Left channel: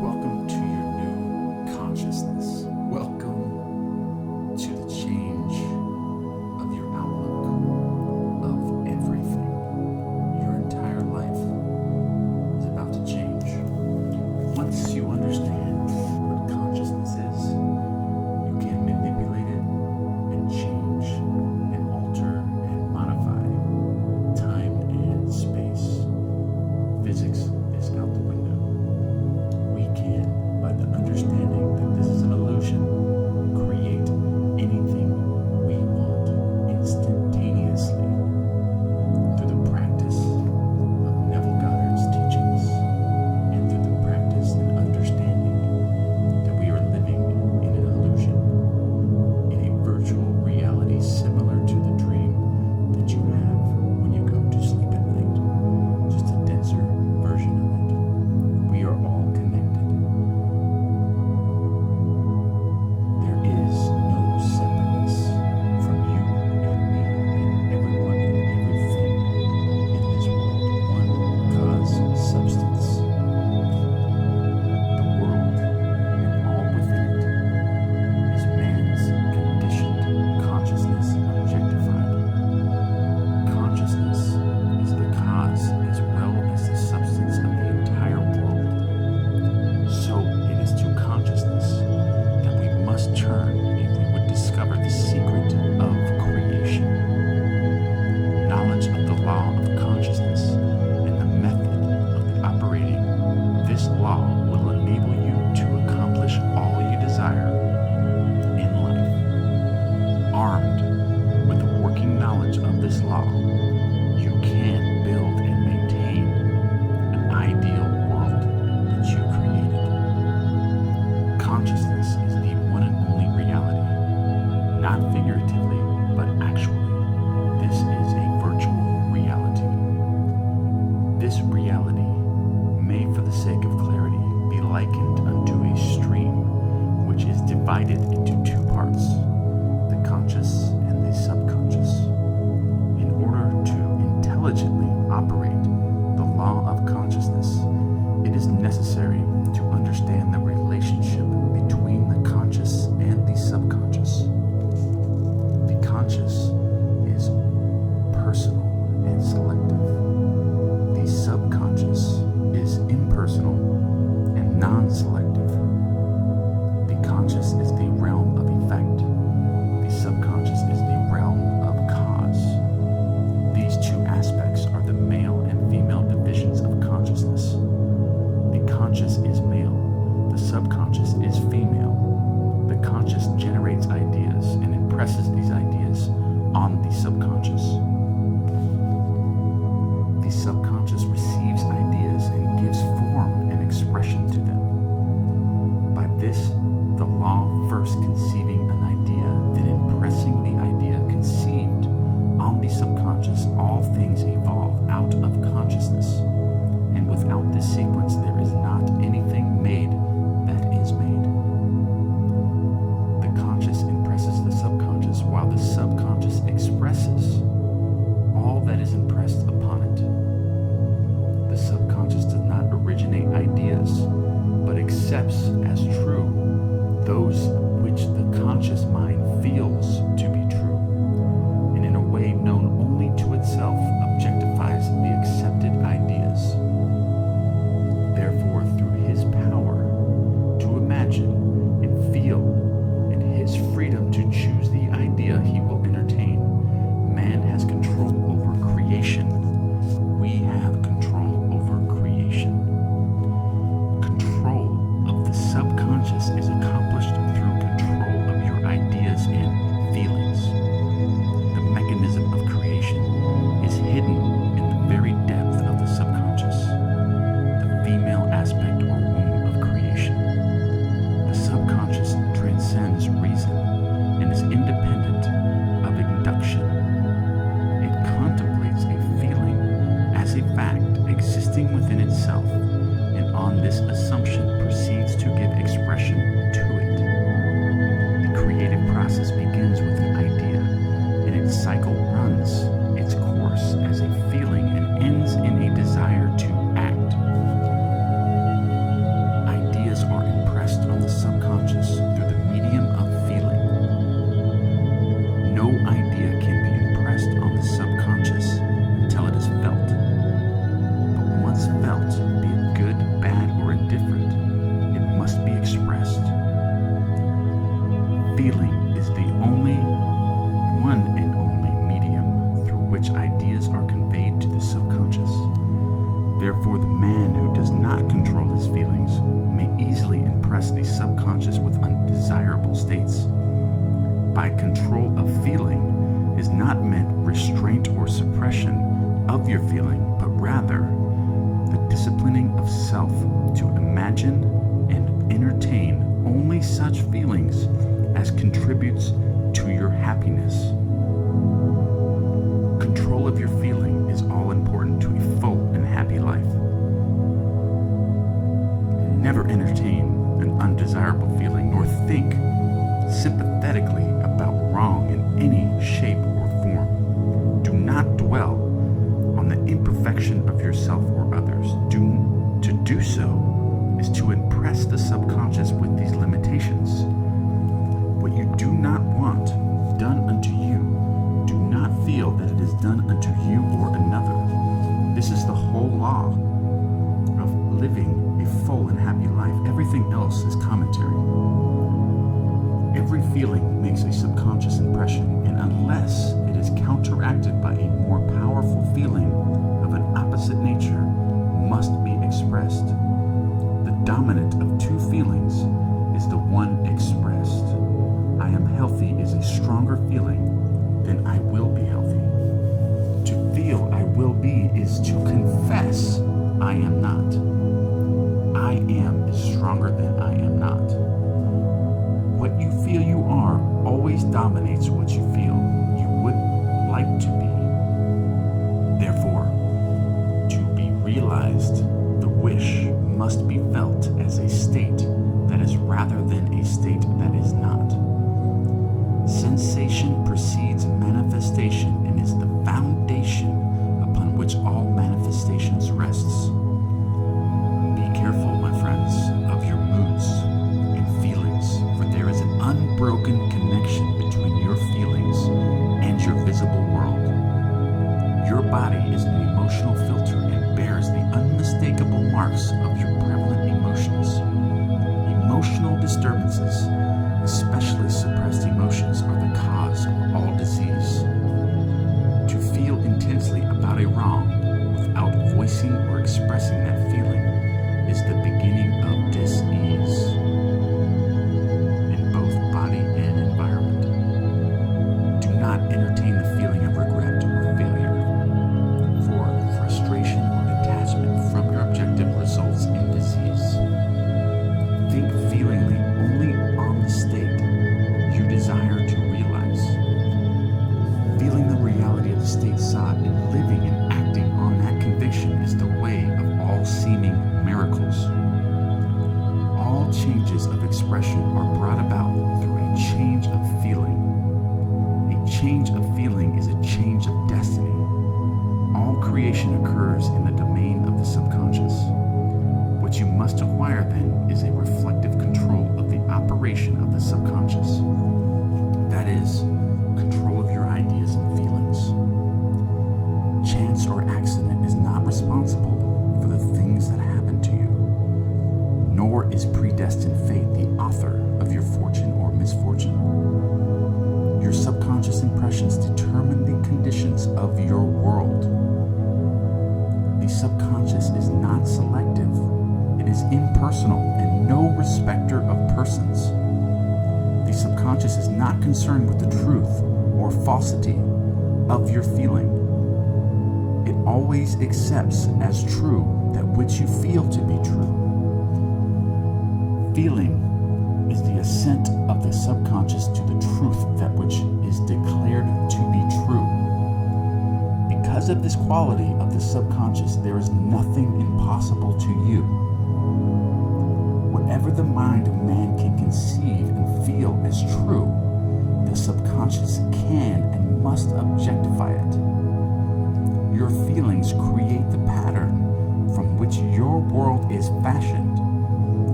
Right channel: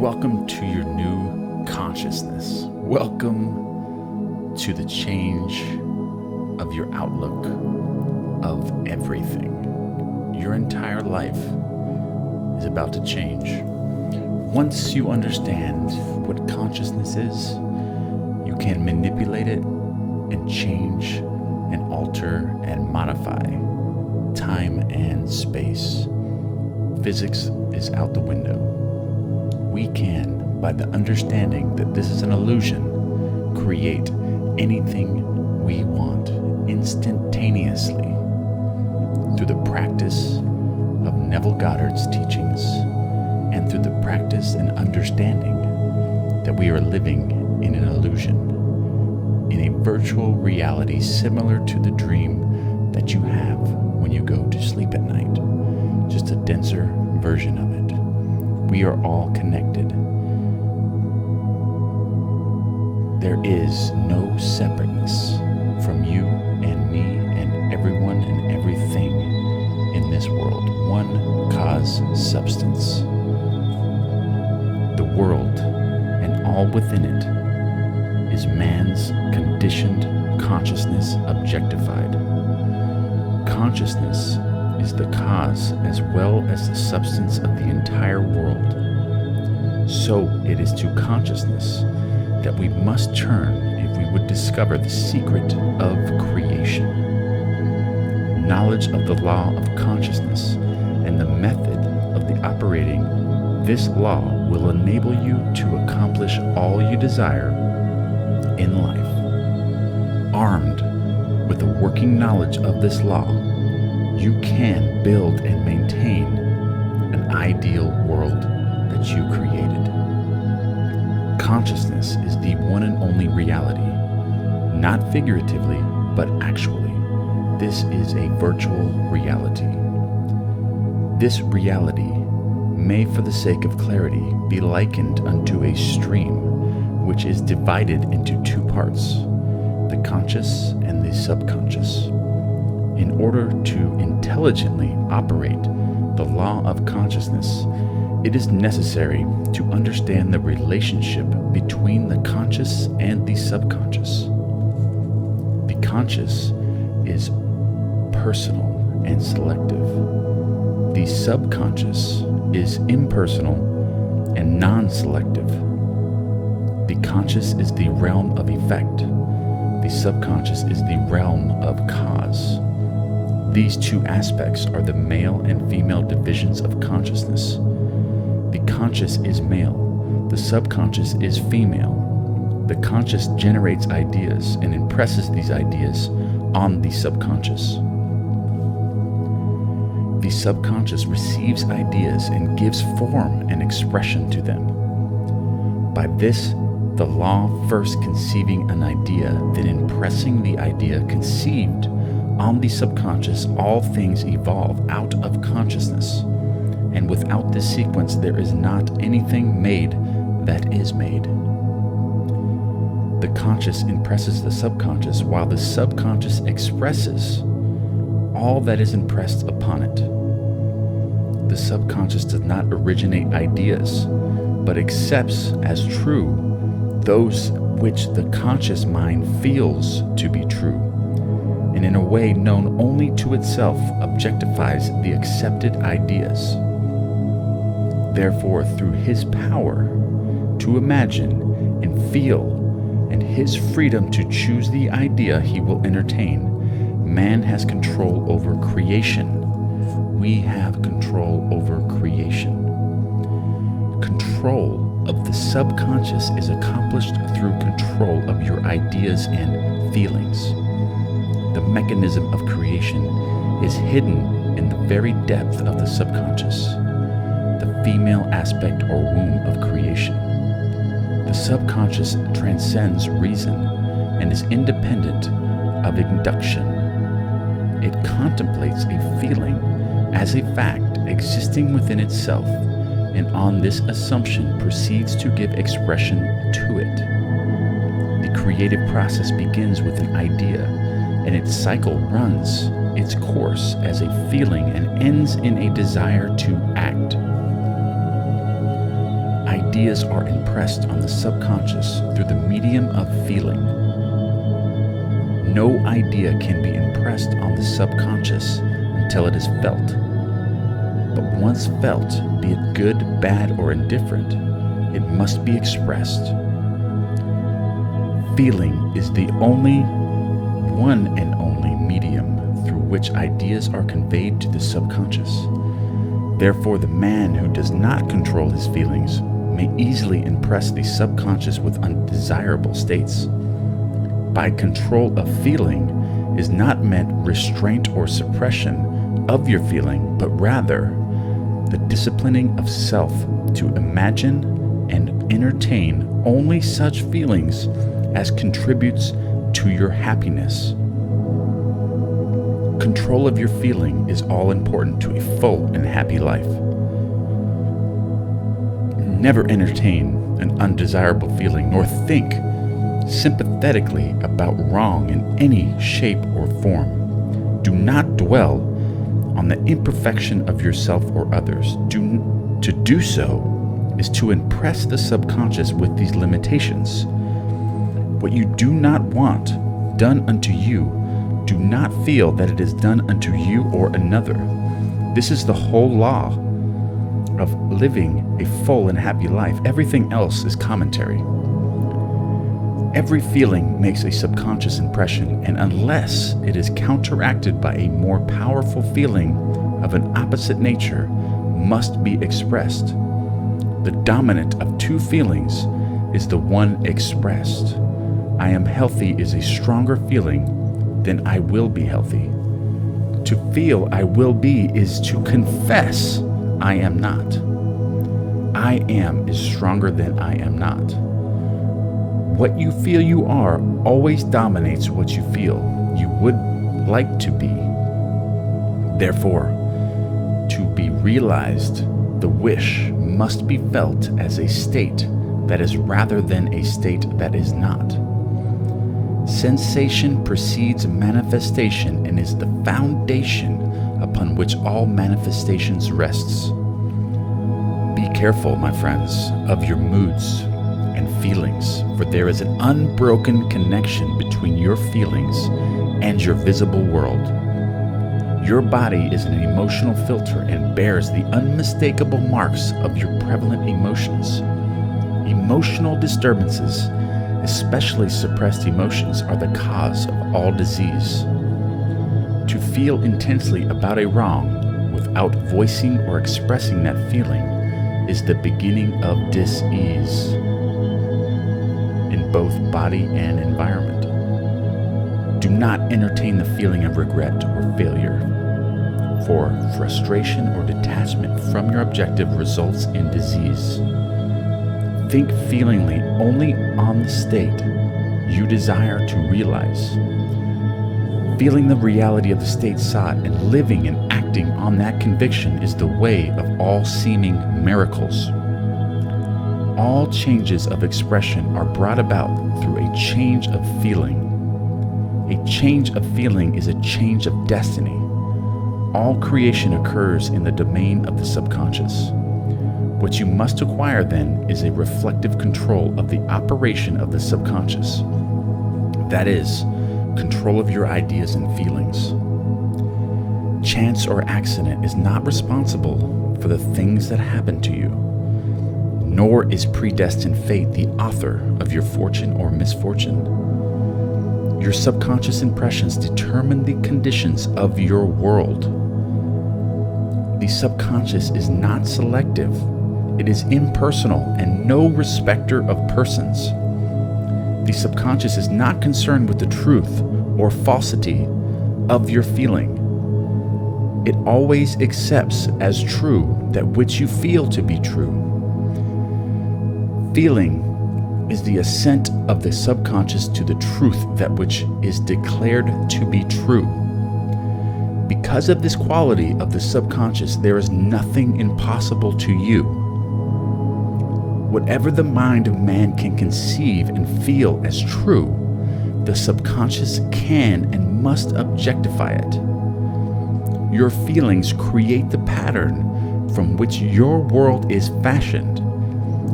Welcome to your new consciousness. Welcome to the change of your outlook of everything. Your entire life is about to change. Once you understand what consciousness is, you can manipulate it and change and alter and modify time and space. Physics is out the window. We can, by the understanding that this is an illusion, create anything we want instantaneously through the practice of Neville Goddard's teachings and through the practice and understanding that we are living in an illusion, in a virtual reality similar to the dream that you have when you go to sleep at night, just a denser version of it. We are all connected. There is no separateness from you and me and everyone and everything in this world. One cause substance. The world and all within it is man's conditioned consciousness objectified. Consciousness is the cause as well as the substance of the entire world. So it is to consciousness that we must turn if we would discover the secret of creation. Knowledge of the law of consciousness and the method of the operating this law will enable you to accomplish all you desire in life. Armed with the working knowledge of this law, you can build and maintain an ideal world that you created. Consciousness is the one and only reality, not figuratively, but actually. This is a virtual reality. This reality may, for the sake of clarity, be likened unto a stream which is divided into two parts, the conscious and the subconscious. In order to intelligently operate the law of consciousness, it is necessary to understand the relationship between the conscious and the subconscious. The conscious is personal and selective. The subconscious is impersonal and non-selective. The conscious is the realm of effect. The subconscious is the realm of cause. These two aspects are the male and female divisions of consciousness. The conscious is male. The subconscious is female. The conscious generates ideas and impresses these ideas on the subconscious. The subconscious receives ideas and gives form and expression to them. By this, the law first conceiving an idea, then impressing the idea conceived on the subconscious, all things evolve out of consciousness. And without this sequence, there is not anything made that is made. The conscious impresses the subconscious, while the subconscious expresses all that is impressed upon it. The subconscious does not originate ideas, but accepts as true those which the conscious mind feels to be true, and in a way known only to itself objectifies the accepted ideas. Therefore, through his power to imagine and feel and his freedom to choose the idea he will entertain, man has control over creation. We have control over creation. Control of the subconscious is accomplished through control of your ideas and feelings. The mechanism of creation is hidden in the very depth of the subconscious, the female aspect or womb of creation. The subconscious transcends reason and is independent of induction. It contemplates a feeling as a fact existing within itself, and on this assumption proceeds to give expression to it. The creative process begins with an idea, and its cycle runs its course as a feeling and ends in a desire to act. Ideas ideas are impressed on the subconscious through the medium of feeling. No idea can be impressed on the subconscious until it is felt. But once felt, be it good, bad, or indifferent, it must be expressed. Feeling is the one and only medium through which ideas are conveyed to the subconscious. Therefore, the man who does not control his feelings may easily impress the subconscious with undesirable states. By control of feeling is not meant restraint or suppression of your feeling, but rather the disciplining of self to imagine and entertain only such feelings as contributes to your happiness. Control of your feeling is all important to a full and happy life. Never entertain an undesirable feeling nor think sympathetically about wrong in any shape or form. Do not dwell on the imperfection of yourself or others. To do so is to impress the subconscious with these limitations. What you do not want done unto you, do not feel that it is done unto you or another. This is the whole law of living a full and happy life. Everything else is commentary. Every feeling makes a subconscious impression, and unless it is counteracted by a more powerful feeling of an opposite nature, must be expressed. The dominant of two feelings is the one expressed. I am healthy is a stronger feeling than I will be healthy. To feel I will be is to confess I am not. I am is stronger than I am not. What you feel you are always dominates what you feel you would like to be. Therefore, to be realized, the wish must be felt as a state that is rather than a state that is not. Sensation precedes manifestation and is the foundation upon which all manifestations rests. Be careful, my friends, of your moods and feelings, for there is an unbroken connection between your feelings and your visible world. Your body is an emotional filter and bears the unmistakable marks of your prevalent emotions. Emotional disturbances, especially suppressed emotions, are the cause of all disease. To feel intensely about a wrong without voicing or expressing that feeling is the beginning of dis-ease in both body and environment. Do not entertain the feeling of regret or failure, for frustration or detachment from your objective results in disease. Think feelingly only on the state you desire to realize. Feeling the reality of the state sought and living and acting on that conviction is the way of all seeming miracles. All changes of expression are brought about through a change of feeling. A change of feeling is a change of destiny. All creation occurs in the domain of the subconscious. What you must acquire then is a reflective control of the operation of the subconscious. That is, control of your ideas and feelings. Chance or accident is not responsible for the things that happen to you, nor is predestined fate the author of your fortune or misfortune. Your subconscious impressions determine the conditions of your world. The subconscious is not selective. It is impersonal and no respecter of persons. The subconscious is not concerned with the truth or falsity of your feeling. It always accepts as true that which you feel to be true. Feeling is the assent of the subconscious to the truth that which is declared to be true. Because of this quality of the subconscious, there is nothing impossible to you. Whatever the mind of man can conceive and feel as true, the subconscious can and must objectify it. Your feelings create the pattern from which your world is fashioned,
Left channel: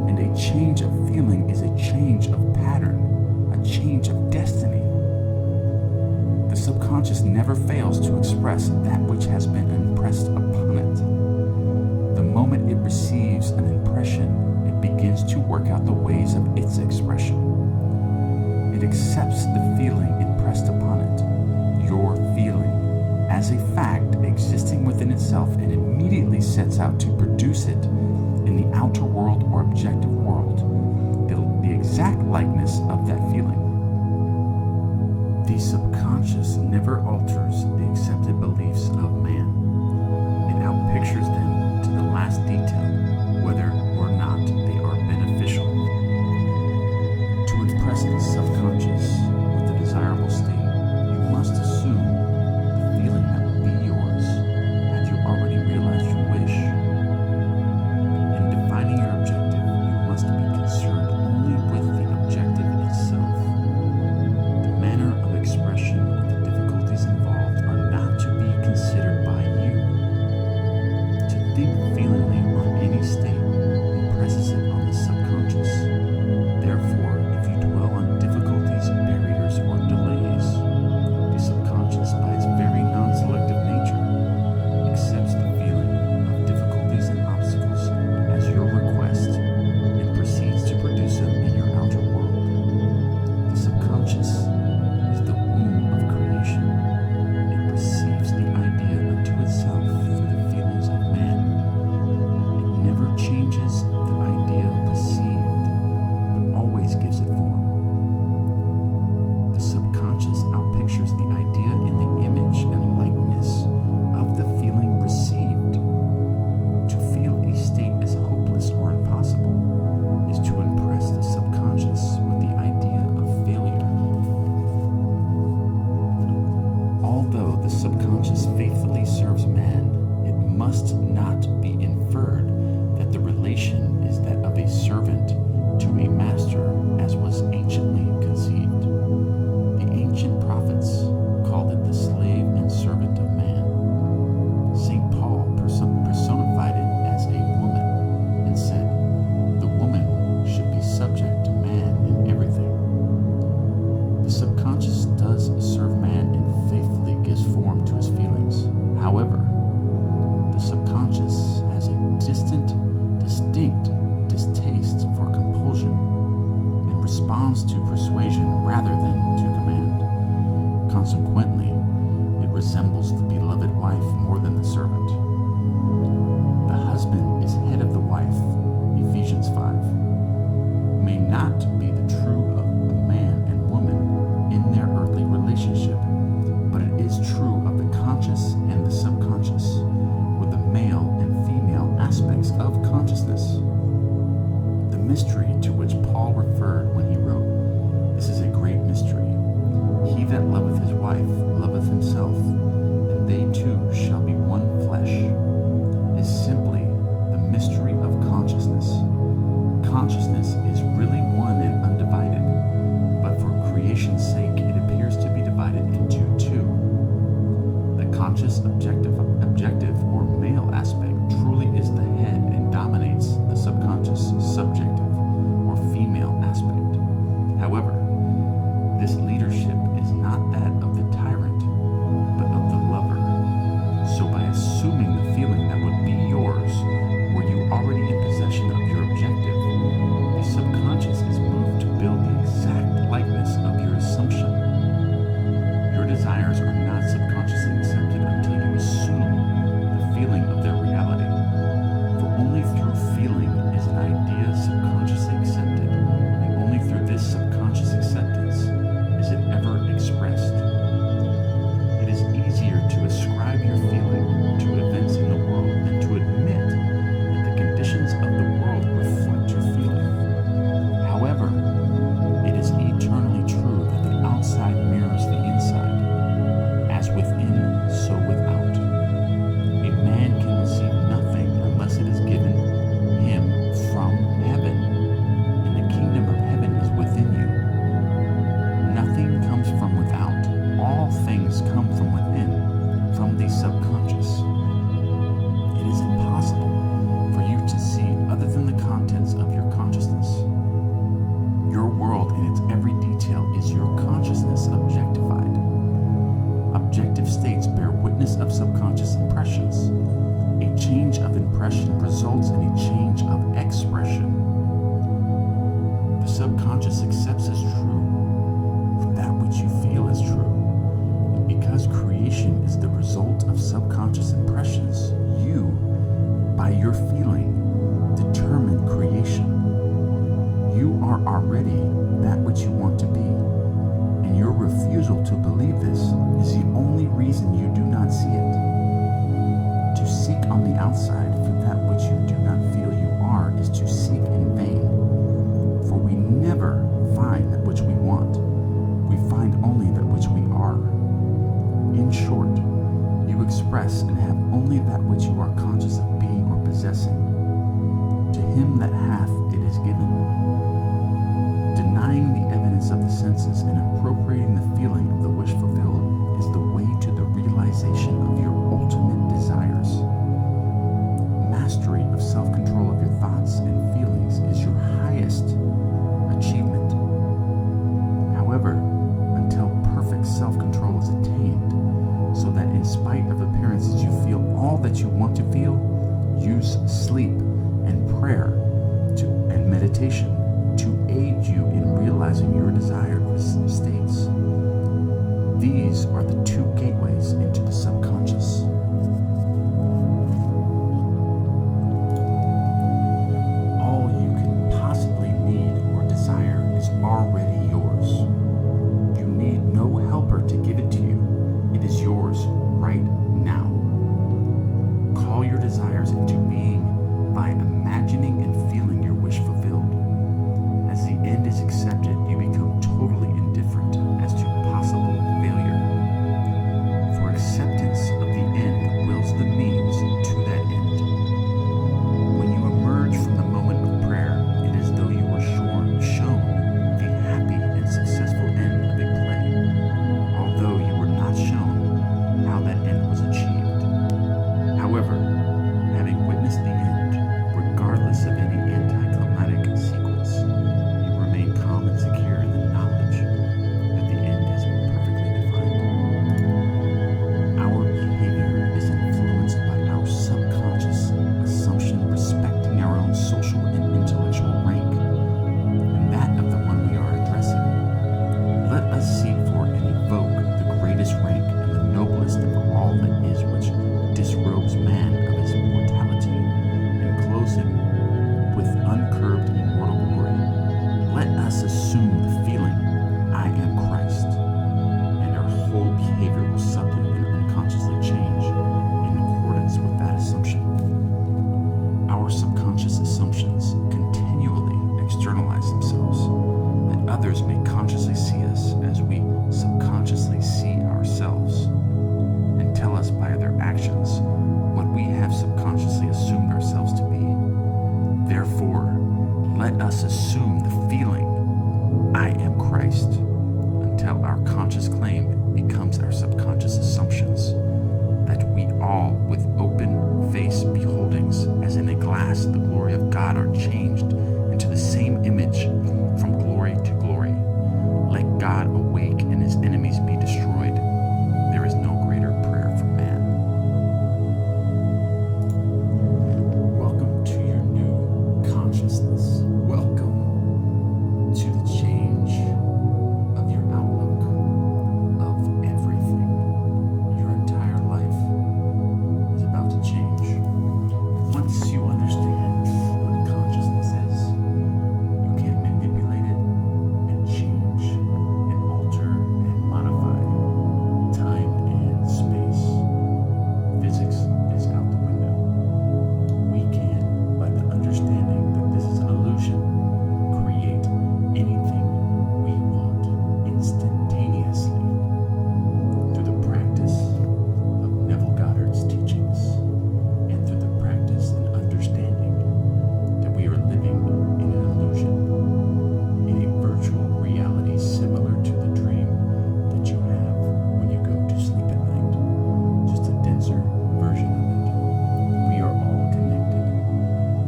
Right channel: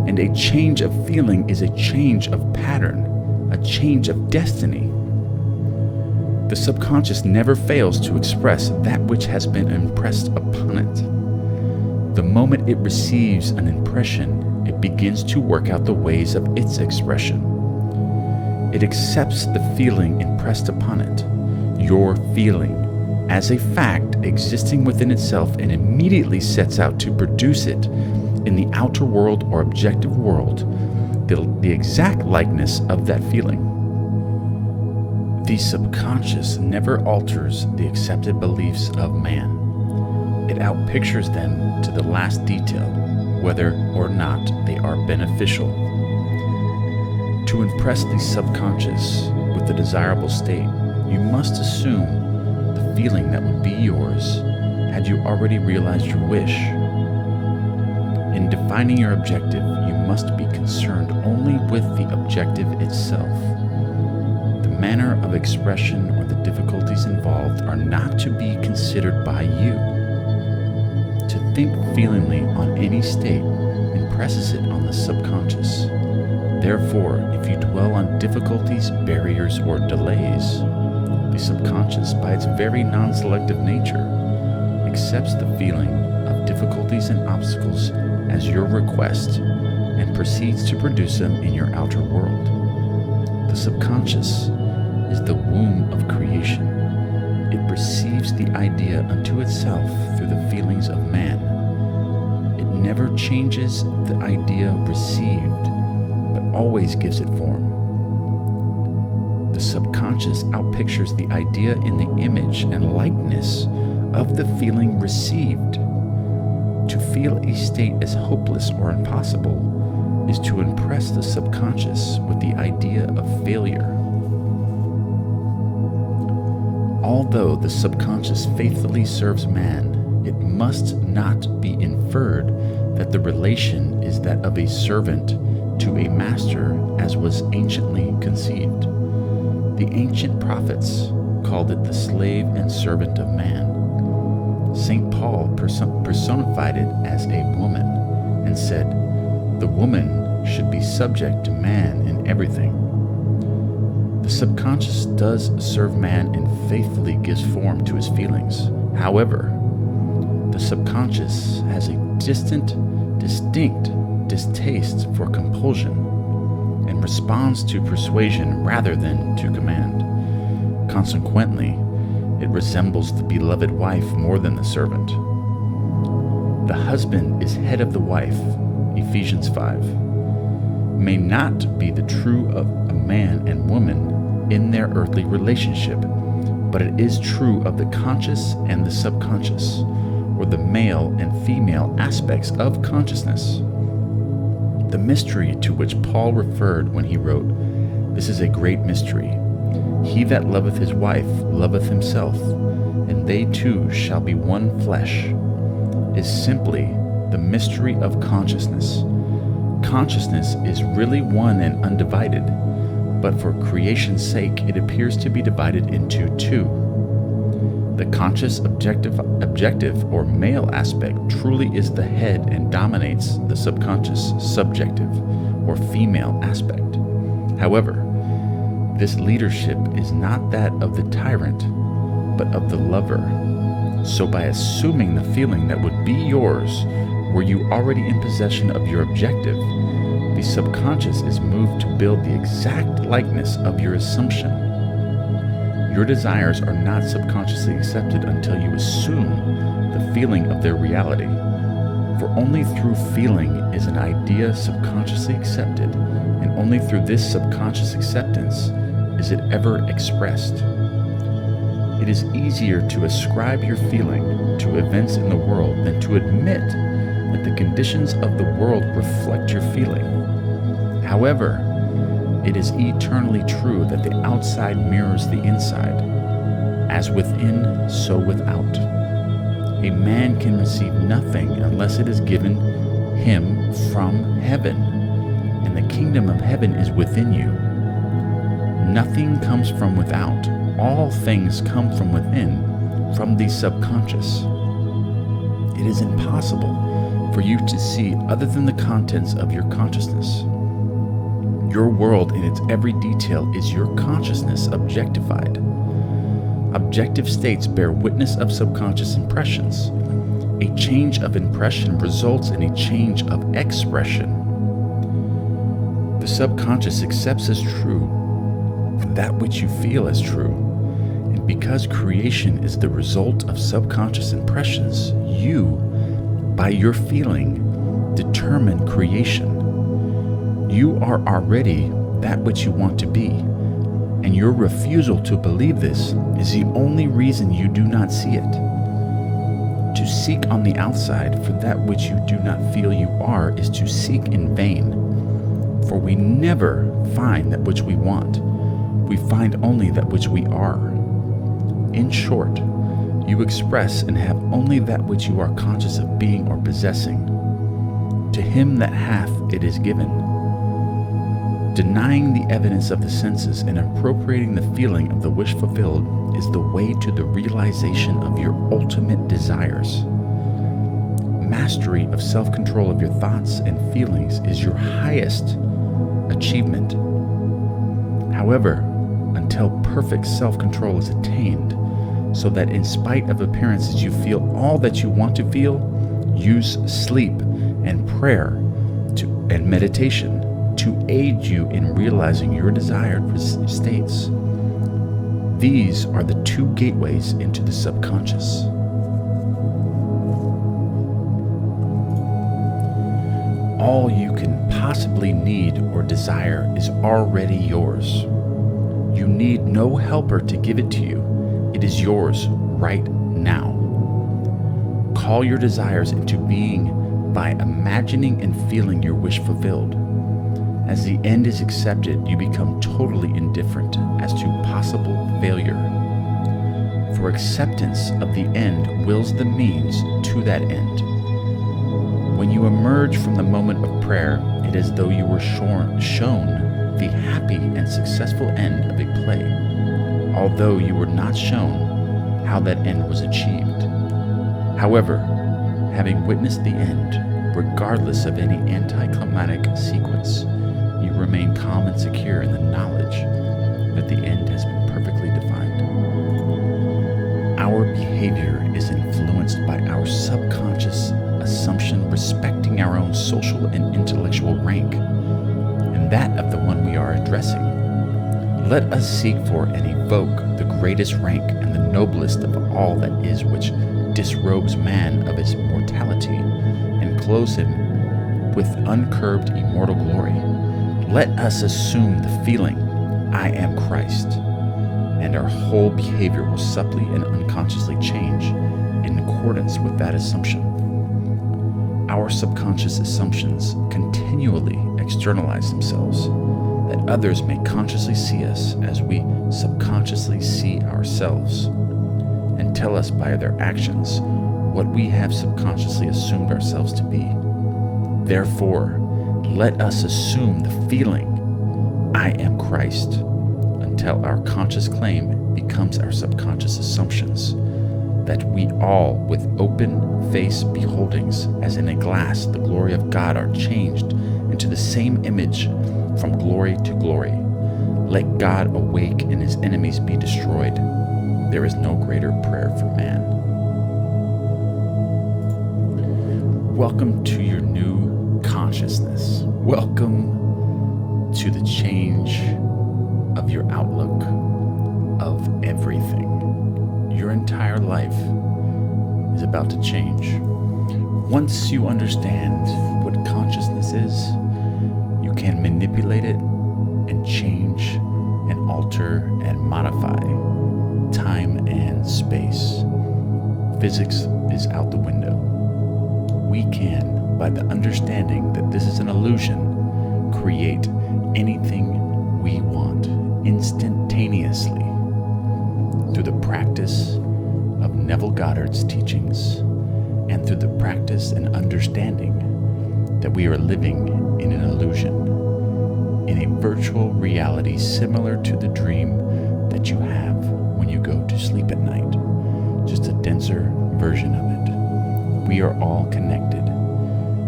And a change of feeling is a change of pattern, a change of destiny. The subconscious never fails to express that which has been impressed upon it. The moment it receives an impression, it begins to work out the ways of its expression. It accepts the feeling impressed upon it, your feeling, as a fact existing within itself, and immediately sets out to produce it in the outer world or objective world, the exact likeness of that feeling. The subconscious never alters the accepted beliefs of man. It outpictures them to the last detail, whether or not they are beneficial. To impress the subconscious with the desirable state, you must assume the feeling that would be yours had you already realized your wish. In defining your objective, you must be concerned only with the objective itself. The manner of expression or the difficulties involved are not to be considered by you. To think feelingly on any state impresses it on the subconscious. Therefore, if you dwell on difficulties, barriers, or delays, the subconscious, by its very non-selective nature, accepts the feeling of difficulties and obstacles as your request and proceeds to produce them in your outer world. The subconscious is the womb of creation. It perceives the idea unto itself through the feelings of man. It never changes the idea received, but always gives it form. The subconscious outpictures the idea in the image and likeness of the feeling received. To feel a state as hopeless or impossible is to impress the subconscious with the idea of failure. Although the subconscious faithfully serves man, it must not be inferred that the relation is that of a servant to a master, as was anciently conceived. The ancient prophets called it the slave and servant of man. St. Paul personified it as a woman and said, "The woman should be subject to man in everything." The subconscious does serve man and faithfully gives form to his feelings. However, the subconscious has a distinct distaste for compulsion and responds to persuasion rather than to command. Consequently, it resembles the beloved wife more than the servant. The husband is head of the wife, Ephesians 5. May not be the true of a man and woman in their earthly relationship, but it is true of the conscious and the subconscious, or the male and female aspects of consciousness. The mystery to which Paul referred when he wrote, "This is a great mystery. He that loveth his wife loveth himself, and they two shall be one flesh," is simply the mystery of consciousness. Consciousness is really one and undivided, but for creation's sake it appears to be divided into two. The conscious objective or male aspect truly is the head and dominates the subconscious subjective or female aspect. However, this leadership is not that of the tyrant, but of the lover. So by assuming the feeling that would be yours were you already in possession of your objective, the subconscious is moved to build the exact likeness of your assumption. Your desires are not subconsciously accepted until you assume the feeling of their reality. For only through feeling is an idea subconsciously accepted, and only through this subconscious acceptance is it ever expressed. It is easier to ascribe your feeling to events in the world than to admit that the conditions of the world reflect your feeling. However, it is eternally true that the outside mirrors the inside. As within, so without. A man can receive nothing unless it is given him from heaven, and the kingdom of heaven is within you. Nothing comes from without. All things come from within, from the subconscious. It is impossible for you to see other than the contents of your consciousness. Your world in its every detail is your consciousness objectified. Objective states bear witness of subconscious impressions. A change of impression results in a change of expression. The subconscious accepts as true that which you feel as true. And because creation is the result of subconscious impressions, you, by your feeling, determine creation. You are already that which you want to be, and your refusal to believe this is the only reason you do not see it. To seek on the outside for that which you do not feel you are is to seek in vain, for we never find that which we want. We find only that which we are. In short, you express and have only that which you are conscious of being or possessing. To him that hath, it is given. Denying the evidence of the senses and appropriating the feeling of the wish fulfilled is the way to the realization of your ultimate desires. Mastery of self-control of your thoughts and feelings is your highest achievement. However, until perfect self-control is attained, so that in spite of appearances you feel all that you want to feel, use sleep and prayer and meditation to aid you in realizing your desired states. These are the two gateways into the subconscious. All you can possibly need or desire is already yours. You need no helper to give it to you. It is yours right now. Call your desires into being by imagining and feeling your wish fulfilled. As the end is accepted, you become totally indifferent as to possible failure. For acceptance of the end wills the means to that end. When you emerge from the moment of prayer, it is as though you were shown the happy and successful end of a play, although you were not shown how that end was achieved. However, having witnessed the end, regardless of any anticlimactic sequence, you remain calm and secure in the knowledge that the end has been perfectly defined. Our behavior is influenced by our subconscious assumption respecting our own social and intellectual rank, and that of the one we are addressing. Let us seek for and evoke the greatest rank and the noblest of all that is, which disrobes man of his mortality and clothes him with uncurbed immortal glory. Let us assume the feeling, I am Christ, and our whole behavior will subtly and unconsciously change in accordance with that assumption. Our subconscious assumptions continually externalize themselves, that others may consciously see us as we subconsciously see ourselves, and tell us by their actions what we have subconsciously assumed ourselves to be. Therefore, let us assume the feeling, I am Christ, until our conscious claim becomes our subconscious assumptions, that we all, with open face beholdings, as in a glass, the glory of God, are changed into the same image from glory to glory. Let God awake and his enemies be destroyed. There is no greater prayer for man. Welcome to your new consciousness. Welcome to the change of your outlook of everything. Your entire life is about to change. Once you understand what consciousness is, you can manipulate it and change and alter and modify time and space. Physics is out the window. We can, by the understanding that this is an illusion, create anything we want instantaneously through the practice of Neville Goddard's teachings and through the practice and understanding that we are living in an illusion, in a virtual reality similar to the dream that you have when you go to sleep at night, just a denser version of it. We are all connected.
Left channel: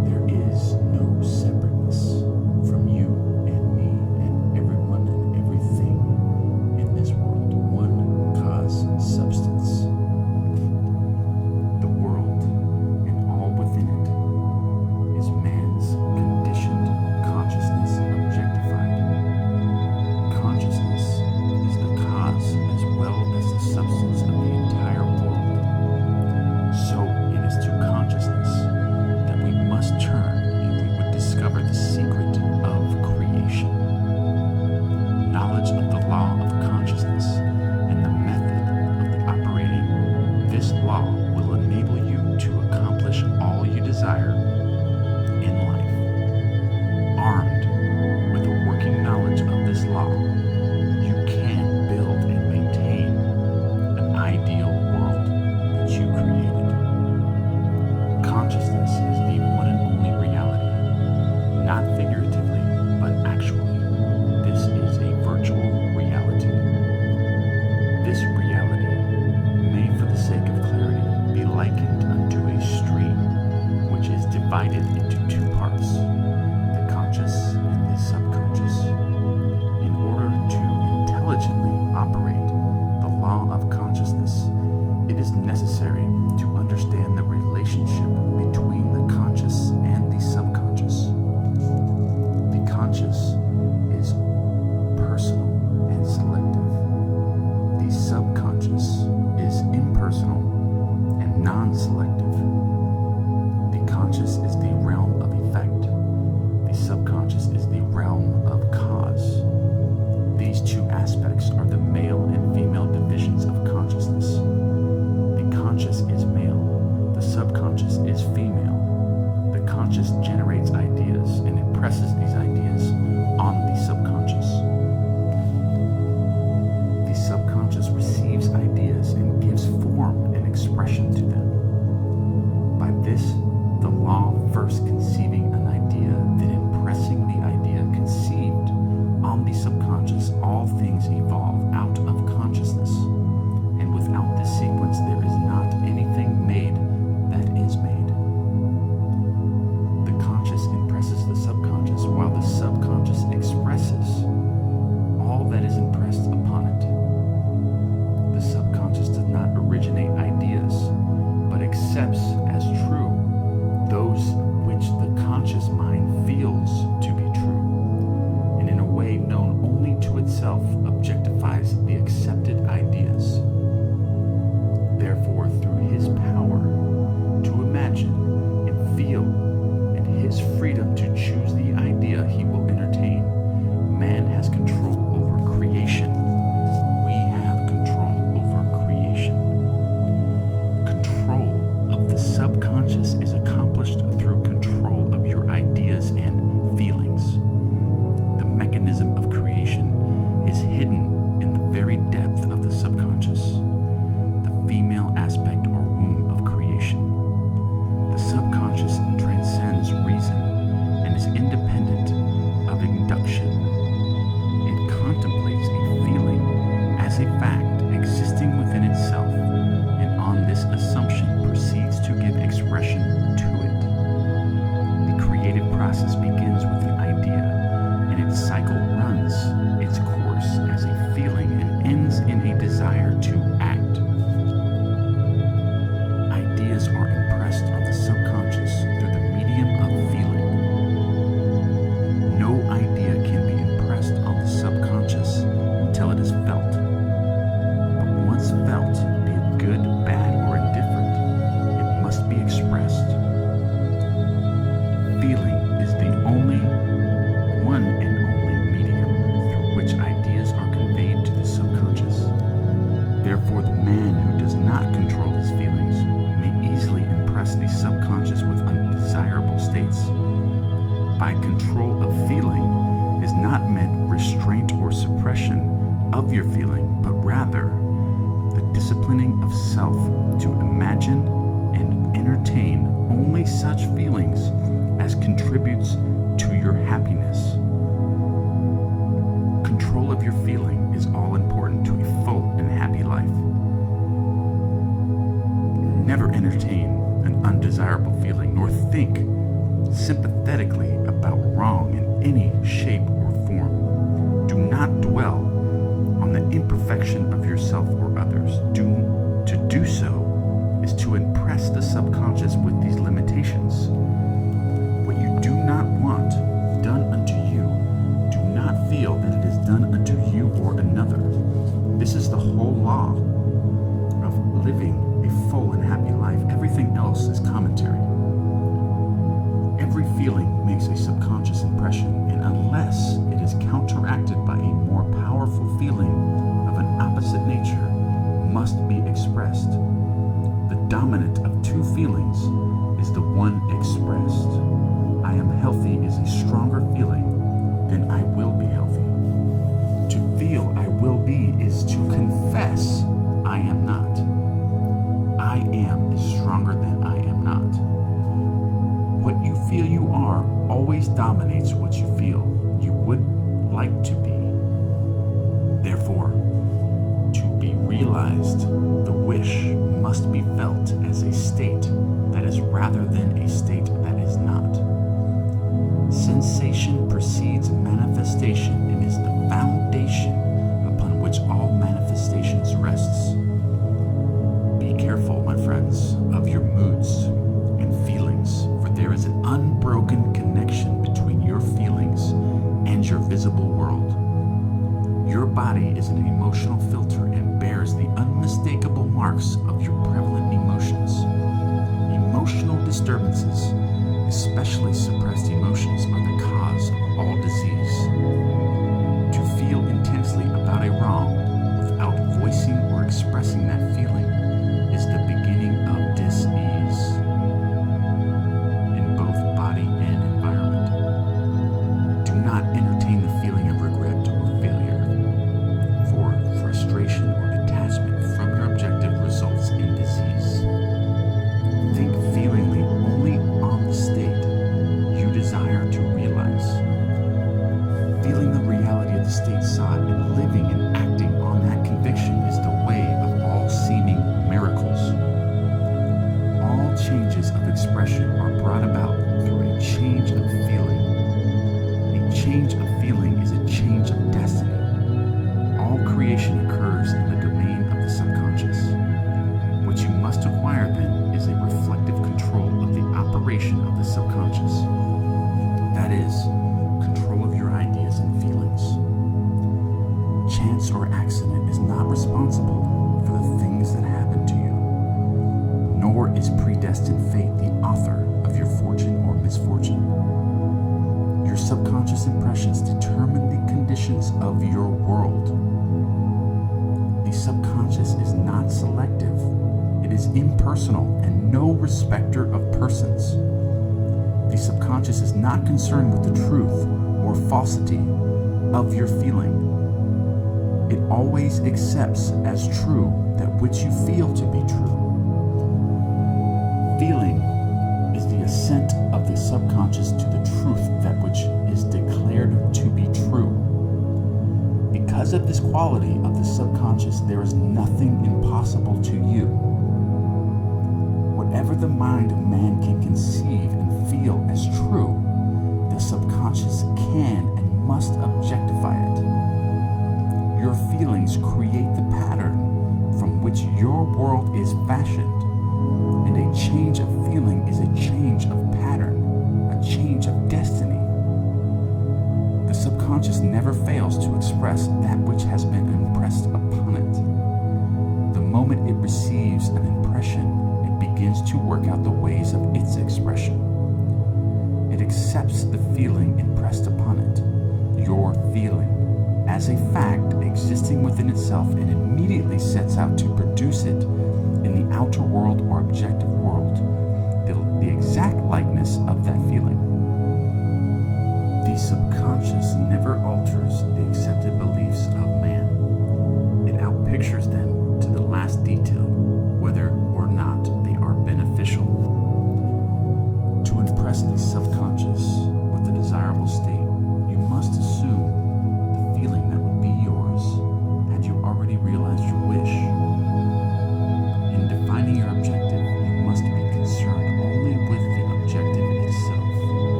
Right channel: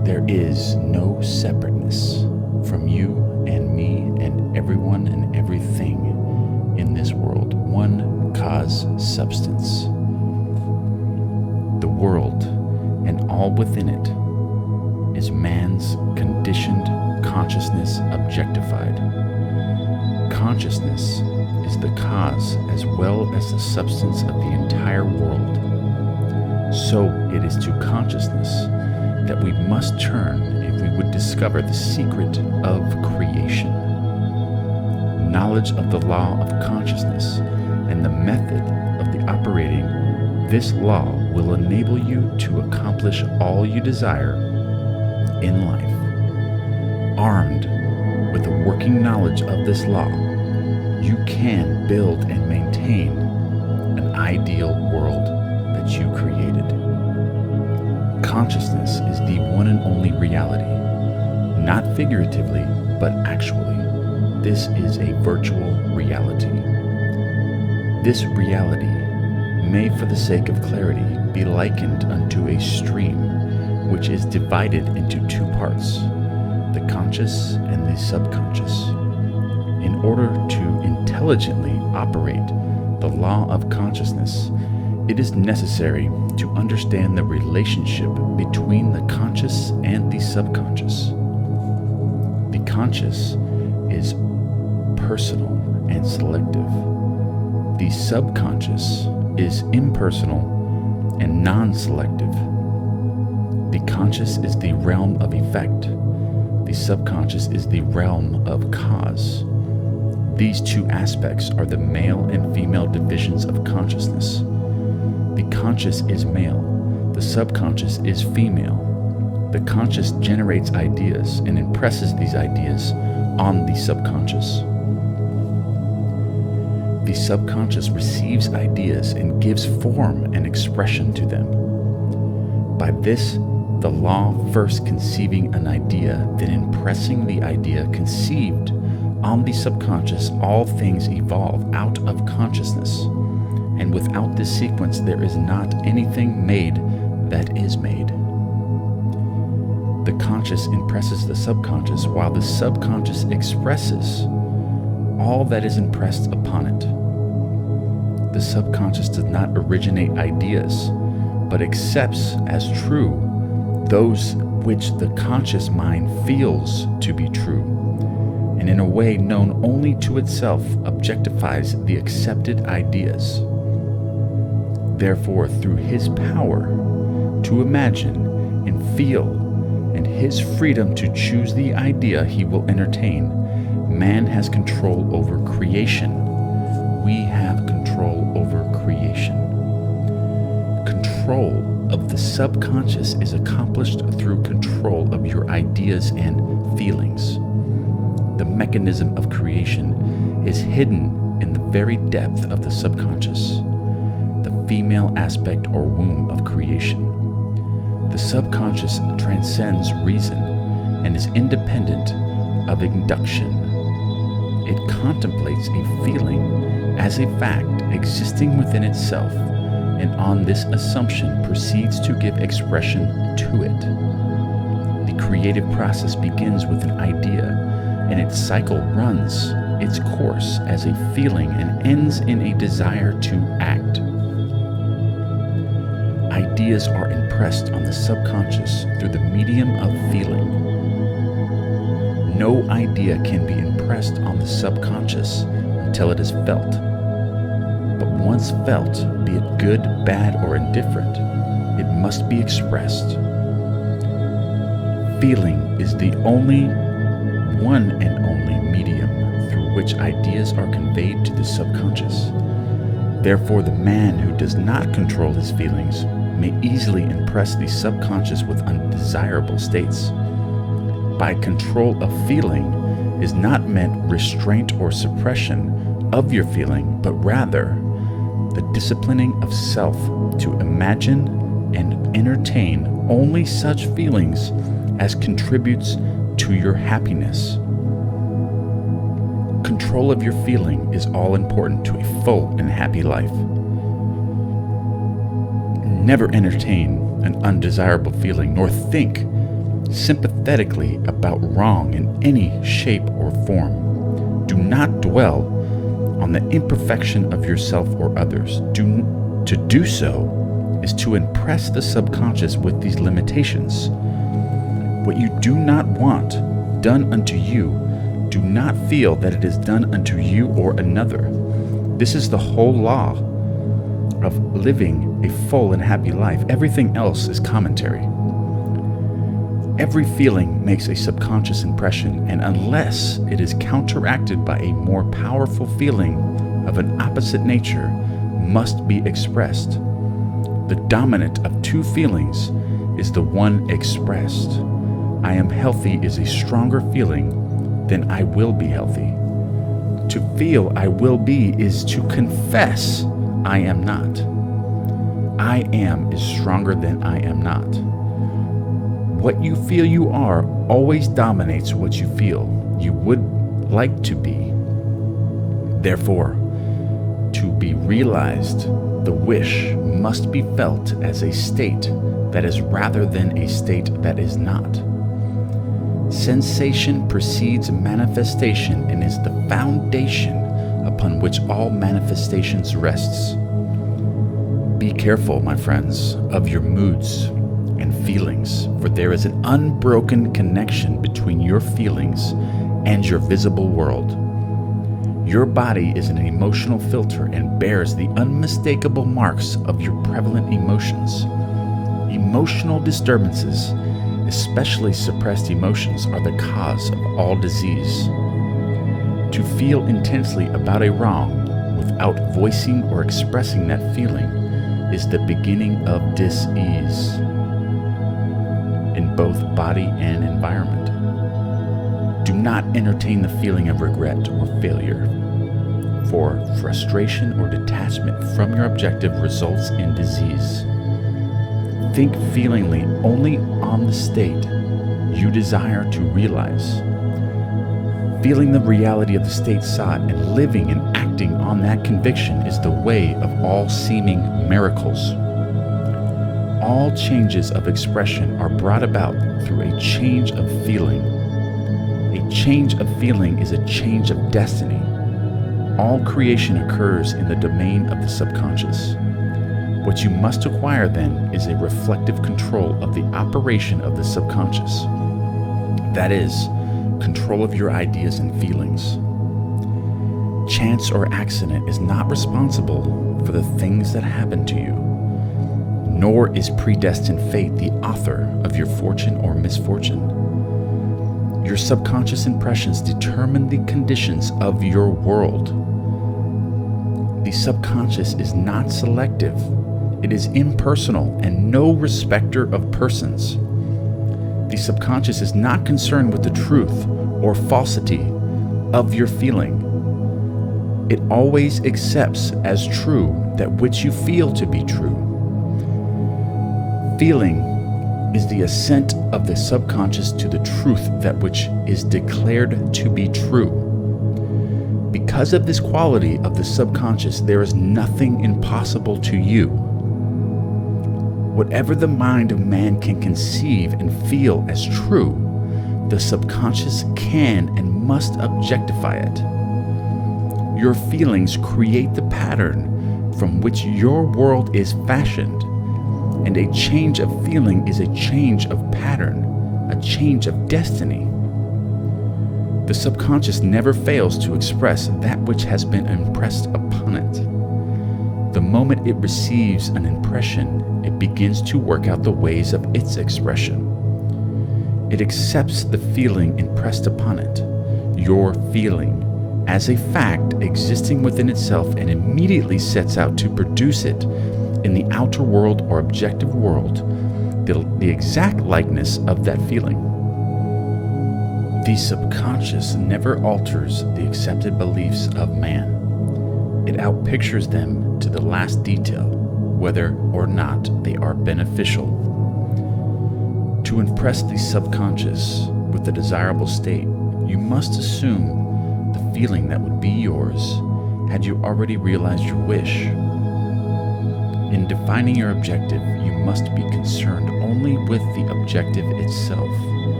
There is no separateness from you and me and everyone and everything in this world. One cause substance. The world and all within it is man's conditioned consciousness objectified. Consciousness is the cause as well as the substance of the entire world. So it is to consciousness that we must turn if we would discover the secret of creation. Knowledge of the law of consciousness and the method of the operating this law will enable you to accomplish all you desire in life. Armed with a working knowledge of this law, you can build and maintain an ideal world that you created. Consciousness is the one and only reality, not figuratively, but actually. This is a virtual reality. This reality may, for the sake of clarity, be likened unto a stream which is divided into two parts, the conscious and the subconscious. In order to intelligently operate the law of consciousness, it is necessary to understand the relationship between the conscious and the subconscious. The conscious is personal and selective. The subconscious is impersonal and non-selective. The conscious is the realm of effect. The subconscious is the realm of cause. These two aspects are the male and female divisions of consciousness. The conscious is male, the subconscious is female. The conscious generates ideas and impresses these ideas on the subconscious. The subconscious receives ideas and gives form and expression to them. By this, the law first conceiving an idea, then impressing the idea conceived on the subconscious, all things evolve out of consciousness. And without this sequence, there is not anything made that is made. The conscious impresses the subconscious, while the subconscious expresses all that is impressed upon it. The subconscious does not originate ideas, but accepts as true those which the conscious mind feels to be true, and in a way known only to itself objectifies the accepted ideas. Therefore, through his power to imagine and feel and his freedom to choose the idea he will entertain, man has control over creation. We have control over creation. Control of the subconscious is accomplished through control of your ideas and feelings. The mechanism of creation is hidden in the very depth of the subconscious, the female aspect or womb of creation. The subconscious transcends reason and is independent of induction. It contemplates a feeling as a fact existing within itself, and on this assumption proceeds to give expression to it. The creative process begins with an idea, and its cycle runs its course as a feeling and ends in a desire to act. Ideas are impressed on the subconscious through the medium of feeling. No idea can be impressed on the subconscious until it is felt. But once felt, be it good, bad, or indifferent, it must be expressed. Feeling is the only one and only medium through which ideas are conveyed to the subconscious. Therefore, the man who does not control his feelings may easily impress the subconscious with undesirable states. By control of feeling is not meant restraint or suppression of your feeling, but rather the disciplining of self to imagine and entertain only such feelings as contributes to your happiness. Control of your feeling is all important to a full and happy life. Never entertain an undesirable feeling, nor think sympathetically about wrong in any shape or form. Do not dwell on the imperfection of yourself or others. To do so is to impress the subconscious with these limitations. What you do not want done unto you, do not feel that it is done unto you or another. This is the whole law of living a full and happy life. Everything else is commentary. Every feeling makes a subconscious impression, and unless it is counteracted by a more powerful feeling of an opposite nature, must be expressed. The dominant of two feelings is the one expressed. I am healthy is a stronger feeling than I will be healthy. To feel I will be is to confess I am not. I am is stronger than I am not. What you feel you are always dominates what you feel you would like to be. Therefore, to be realized, the wish must be felt as a state that is rather than a state that is not. Sensation precedes manifestation and is the foundation upon which all manifestations rests. Be careful, my friends, of your moods and feelings, for there is an unbroken connection between your feelings and your visible world. Your body is an emotional filter and bears the unmistakable marks of your prevalent emotions. Emotional disturbances, especially suppressed emotions, are the cause of all disease. To feel intensely about a wrong without voicing or expressing that feeling is the beginning of dis-ease in both body and environment. Do not entertain the feeling of regret or failure, for frustration or detachment from your objective results in disease. Think feelingly only on the state you desire to realize. Feeling the reality of the state sought and living and acting on that conviction is the way of all seeming miracles. All changes of expression are brought about through a change of feeling. A change of feeling is a change of destiny. All creation occurs in the domain of the subconscious. What you must acquire then is a reflective control of the operation of the subconscious. That is, control of your ideas and feelings. Chance or accident is not responsible for the things that happen to you, nor is predestined fate the author of your fortune or misfortune. Your subconscious impressions determine the conditions of your world. The subconscious is not selective. It is impersonal and no respecter of persons. The subconscious is not concerned with the truth or falsity of your feeling. It always accepts as true that which you feel to be true. Feeling is the assent of the subconscious to the truth that which is declared to be true. Because of this quality of the subconscious, there is nothing impossible to you. Whatever the mind of man can conceive and feel as true, the subconscious can and must objectify it. Your feelings create the pattern from which your world is fashioned, and a change of feeling is a change of pattern, a change of destiny. The subconscious never fails to express that which has been impressed upon it. The moment it receives an impression, it begins to work out the ways of its expression. It accepts the feeling impressed upon it, your feeling, as a fact existing within itself, and immediately sets out to produce it in the outer world or objective world, the exact likeness of that feeling. The subconscious never alters the accepted beliefs of man. It outpictures them to the last detail, whether or not they are beneficial. To impress the subconscious with the desirable state, you must assume the feeling that would be yours had you already realized your wish. In defining your objective, you must be concerned only with the objective itself.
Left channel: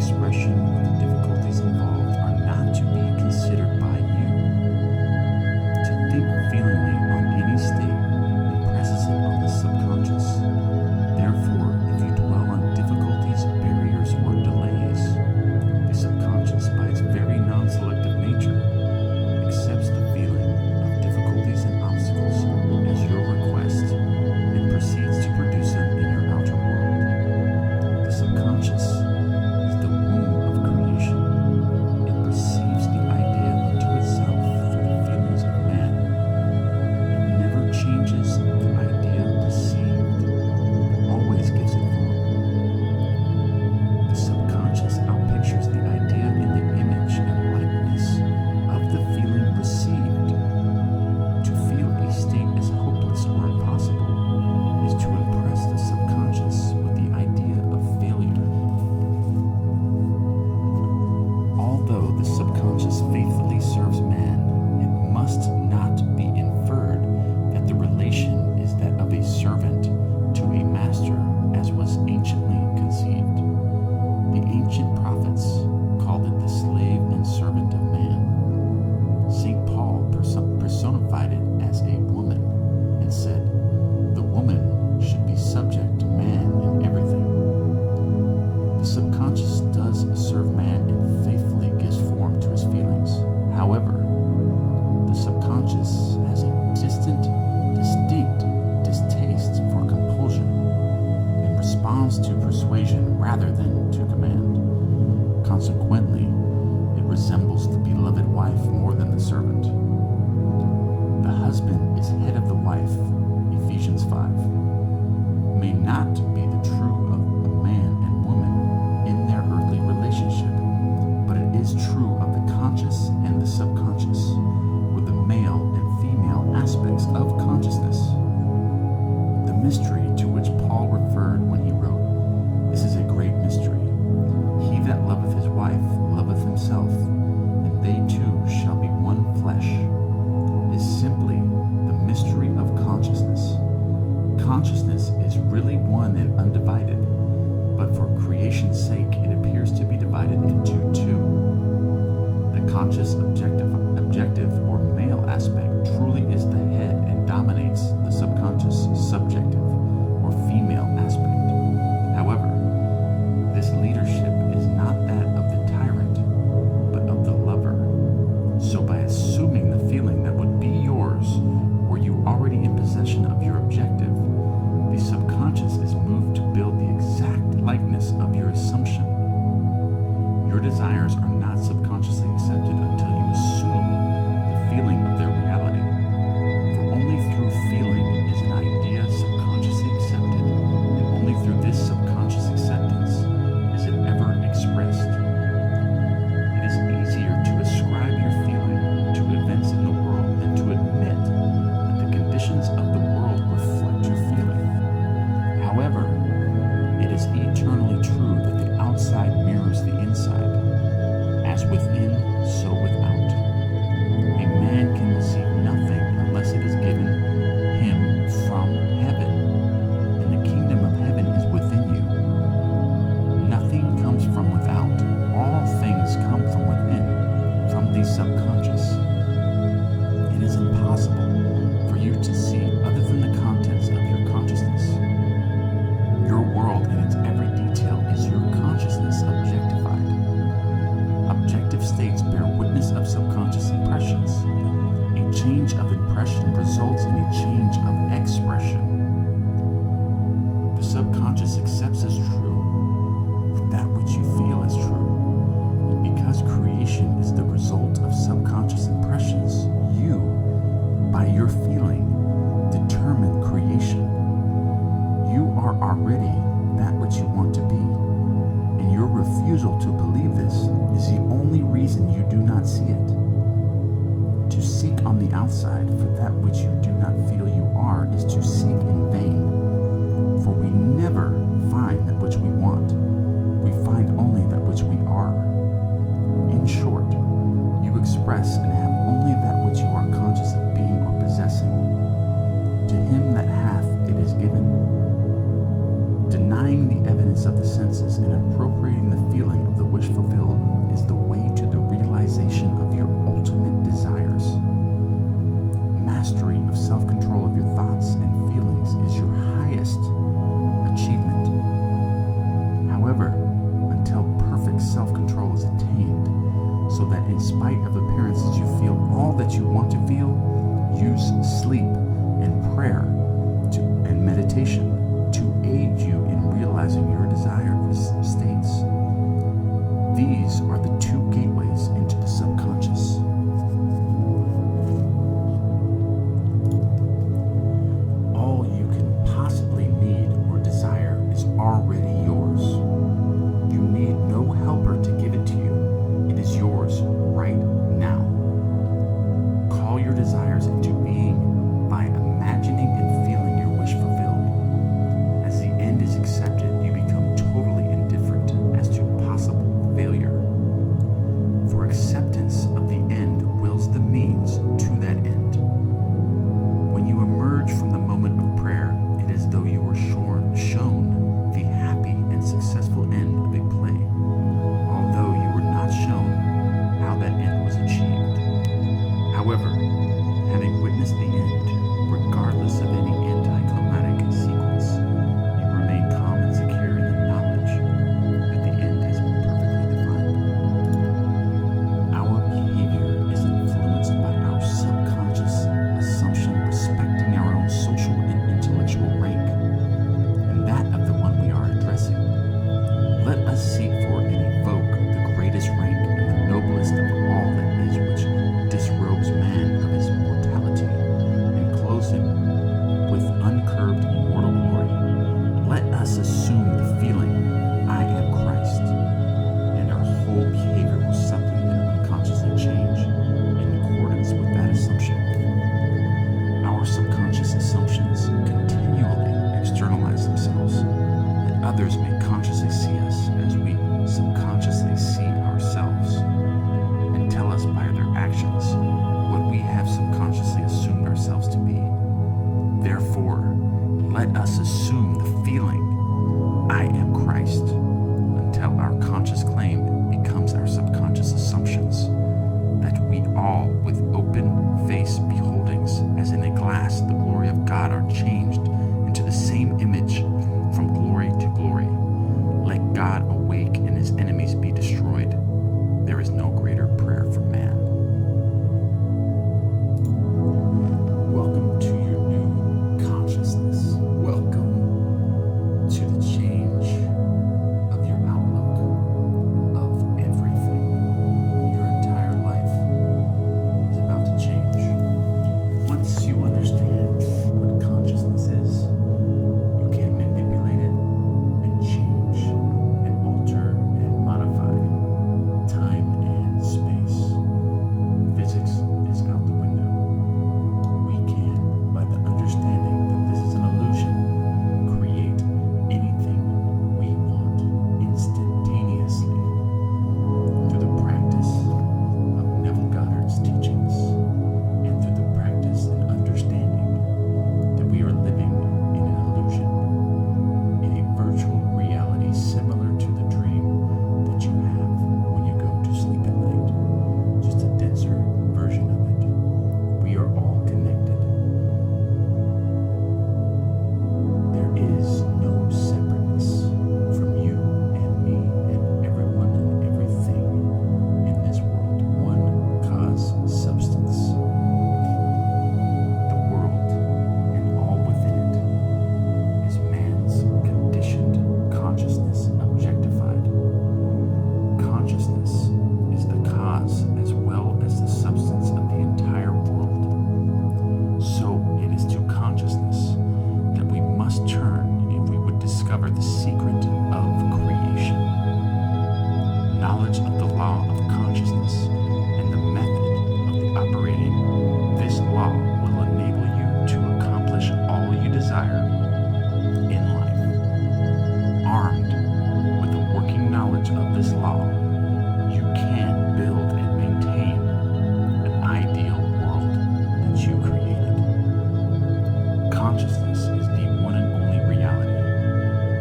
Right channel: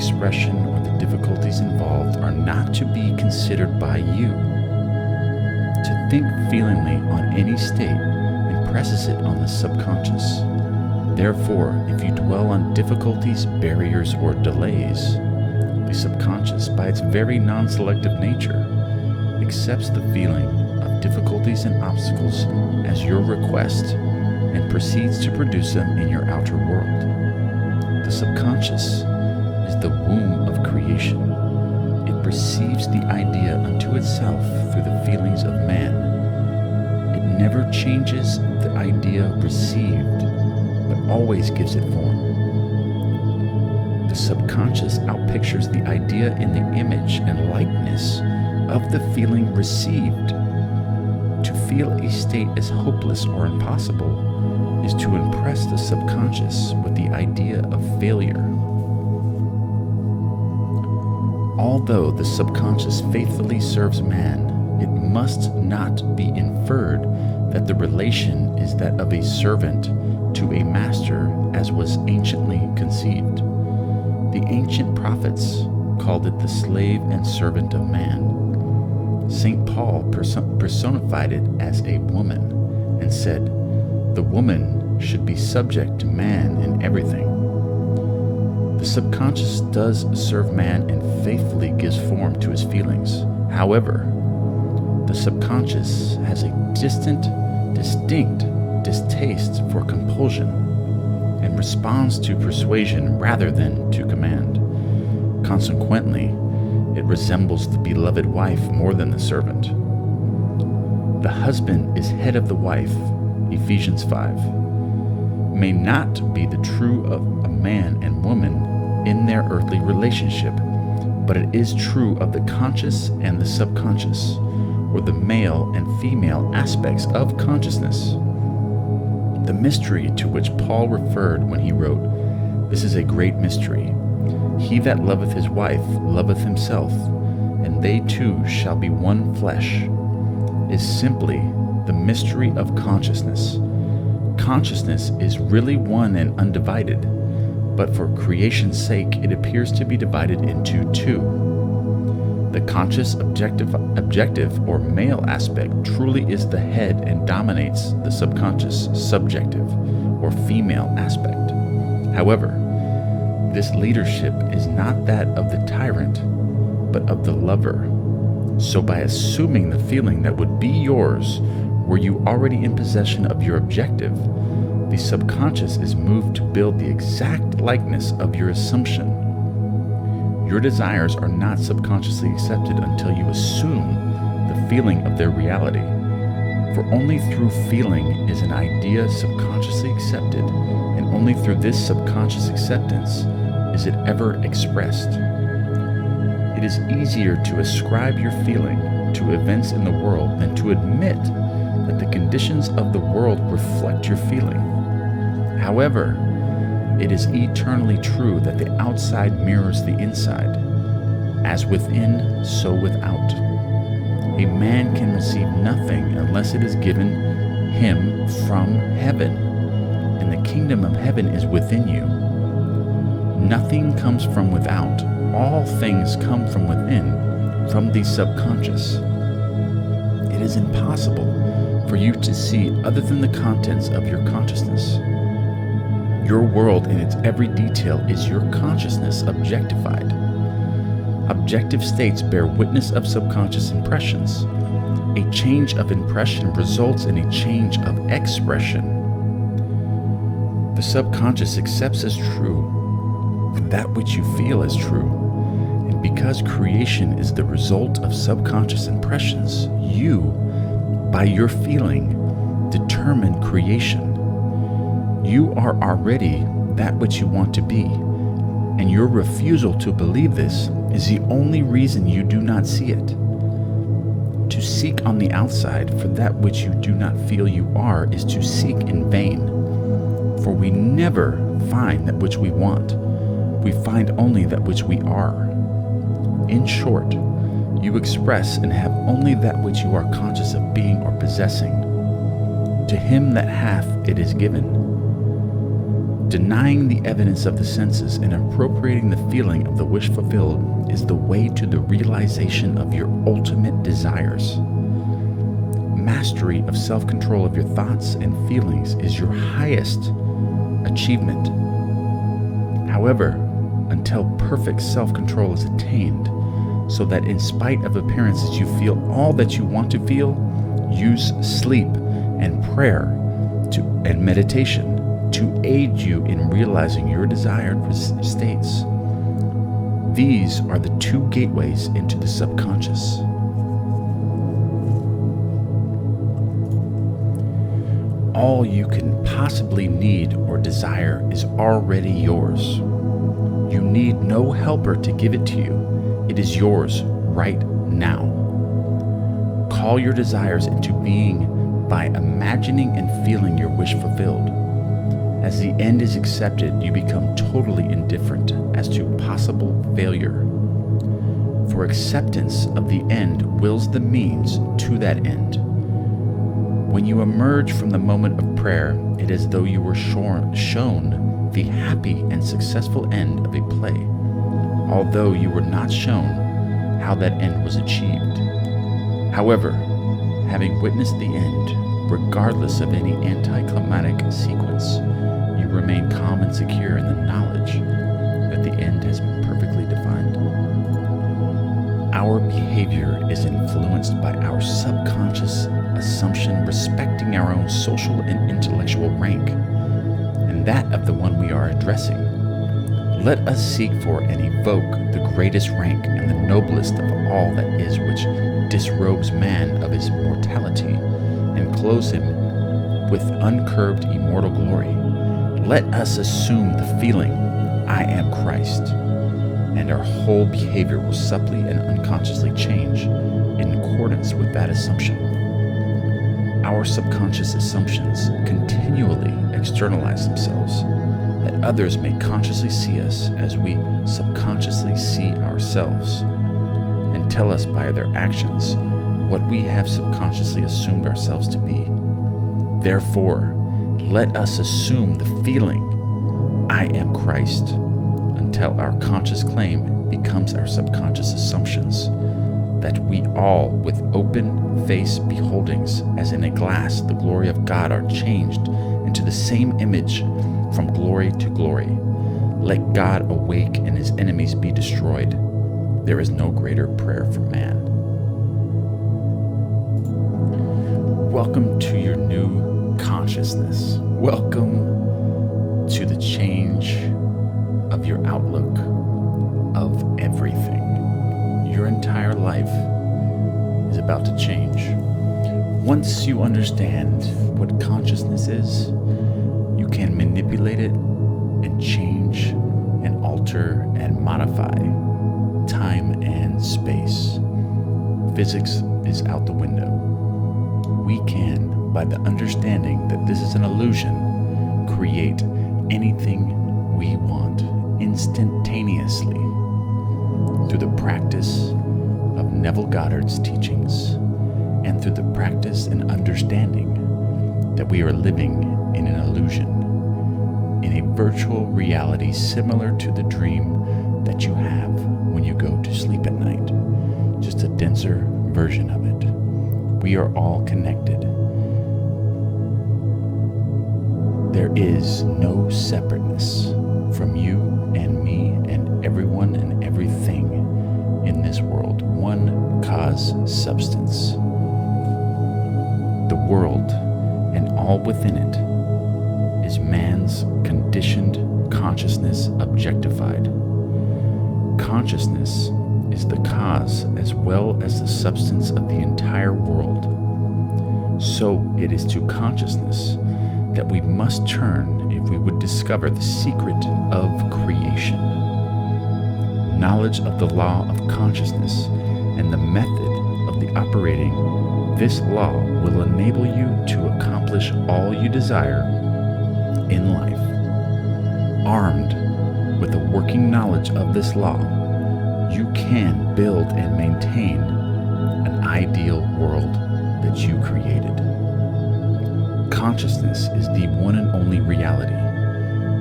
expression or the difficulties involved are not to be considered by you. To think feelingly on any state impresses it on the subconscious. Therefore, if you dwell on difficulties, barriers, or delays, the subconscious, by its very non-selective nature, accepts the feeling of difficulties and obstacles as your request and proceeds to produce them in your outer world. The subconscious is the womb of creation. It perceives the idea unto itself through the feelings of man. It never changes the idea perceived, but always gives it form. The subconscious outpictures the idea in the image and likeness of the feeling received. To feel a state as hopeless or impossible is to impress the subconscious with the idea of failure. Although the subconscious faithfully serves man, it must not be inferred that the relation is that of a servant to a master, as was anciently conceived. The ancient prophets called it the slave and servant of man. St. Paul personified it as a woman and said, "The woman should be subject to man in everything." The subconscious does serve man and faithfully gives form to his feelings. However, the subconscious has a distinct distaste for compulsion and responds to persuasion rather than to command. Consequently, it resembles the beloved wife more than the servant. The husband is head of the wife, Ephesians 5, may not be the true of a man and woman in their earthly relationship, but it is true of the conscious and the subconscious, or the male and female aspects of consciousness. The mystery to which Paul referred when he wrote, "This is a great mystery. He that loveth his wife loveth himself, and they two shall be one flesh," is simply the mystery of consciousness. Consciousness is really one and undivided, but for creation's sake it appears to be divided into two. The conscious objective or male aspect truly is the head and dominates the subconscious subjective or female aspect. However, this leadership is not that of the tyrant, but of the lover. So by assuming the feeling that would be yours were you already in possession of your objective, the subconscious is moved to build the exact likeness of your assumption. Your desires are not subconsciously accepted until you assume the feeling of their reality. For only through feeling is an idea subconsciously accepted, and only through this subconscious acceptance is it ever expressed. It is easier to ascribe your feeling to events in the world than to admit that the conditions of the world reflect your feeling. However, it is eternally true that the outside mirrors the inside. As within, so without. A man can receive nothing unless it is given him from heaven, and the kingdom of heaven is within you. Nothing comes from without. All things come from within, from the subconscious. It is impossible for you to see other than the contents of your consciousness. Your world in its every detail is your consciousness objectified. Objective states bear witness of subconscious impressions. A change of impression results in a change of expression. The subconscious accepts as true that which you feel as true. And because creation is the result of subconscious impressions, you, by your feeling, determine creation. You are already that which you want to be, and your refusal to believe this is the only reason you do not see it. To seek on the outside for that which you do not feel you are is to seek in vain, for we never find that which we want. We find only that which we are. In short, you express and have only that which you are conscious of being or possessing. To him that hath, it is given. Denying the evidence of the senses and appropriating the feeling of the wish fulfilled is the way to the realization of your ultimate desires. Mastery of self-control of your thoughts and feelings is your highest achievement. However, until perfect self-control is attained, so that in spite of appearances you feel all that you want to feel, use sleep and prayer and meditation to aid you in realizing your desired states. These are the two gateways into the subconscious. All you can possibly need or desire is already yours. You need no helper to give it to you. It is yours right now. Call your desires into being by imagining and feeling your wish fulfilled. As the end is accepted, you become totally indifferent as to possible failure. For acceptance of the end wills the means to that end. When you emerge from the moment of prayer, it is as though you were shown the happy and successful end of a play, although you were not shown how that end was achieved. However, having witnessed the end, regardless of any anticlimactic sequence, you remain calm and secure in the knowledge that the end has been perfectly defined. Our behavior is influenced by our subconscious assumption respecting our own social and intellectual rank, and that of the one we are addressing. Let us seek for and evoke the greatest rank and the noblest of all that is, which disrobes man of his mortality and clothes him with uncurbed immortal glory. Let us assume the feeling, I am Christ, and our whole behavior will subtly and unconsciously change in accordance with that assumption. Our subconscious assumptions continually externalize themselves, that others may consciously see us as we subconsciously see ourselves, and tell us by their actions what we have subconsciously assumed ourselves to be. Therefore, let us assume the feeling, I am Christ, until our conscious claim becomes our subconscious assumptions, that we all, with open face beholdings, as in a glass, the glory of God, are changed into the same image from glory to glory. Let God awake and his enemies be destroyed. There is no greater prayer for man. Welcome to your new consciousness. Welcome to the change of your outlook of everything. Your entire life is about to change. Once you understand what consciousness is, you can manipulate it and change and alter and modify time and space. Physics is out the window. We can, by the understanding that this is an illusion, create anything we want instantaneously through the practice of Neville Goddard's teachings and through the practice and understanding that we are living in an illusion, in a virtual reality similar to the dream that you have when you go to sleep at night, just a denser version of it. We are all connected. There is no separateness from you and me and everyone and everything in this world. One cause substance. The world and all within it is man's conditioned consciousness objectified. Consciousness is the cause as well as the substance of the entire world. So it is to consciousness that we must turn if we would discover the secret of creation. Knowledge of the law of consciousness and the method of the operating this law will enable you to accomplish all you desire in life. Armed with a working knowledge of this law, you can build and maintain an ideal world that you created. Consciousness is the one and only reality.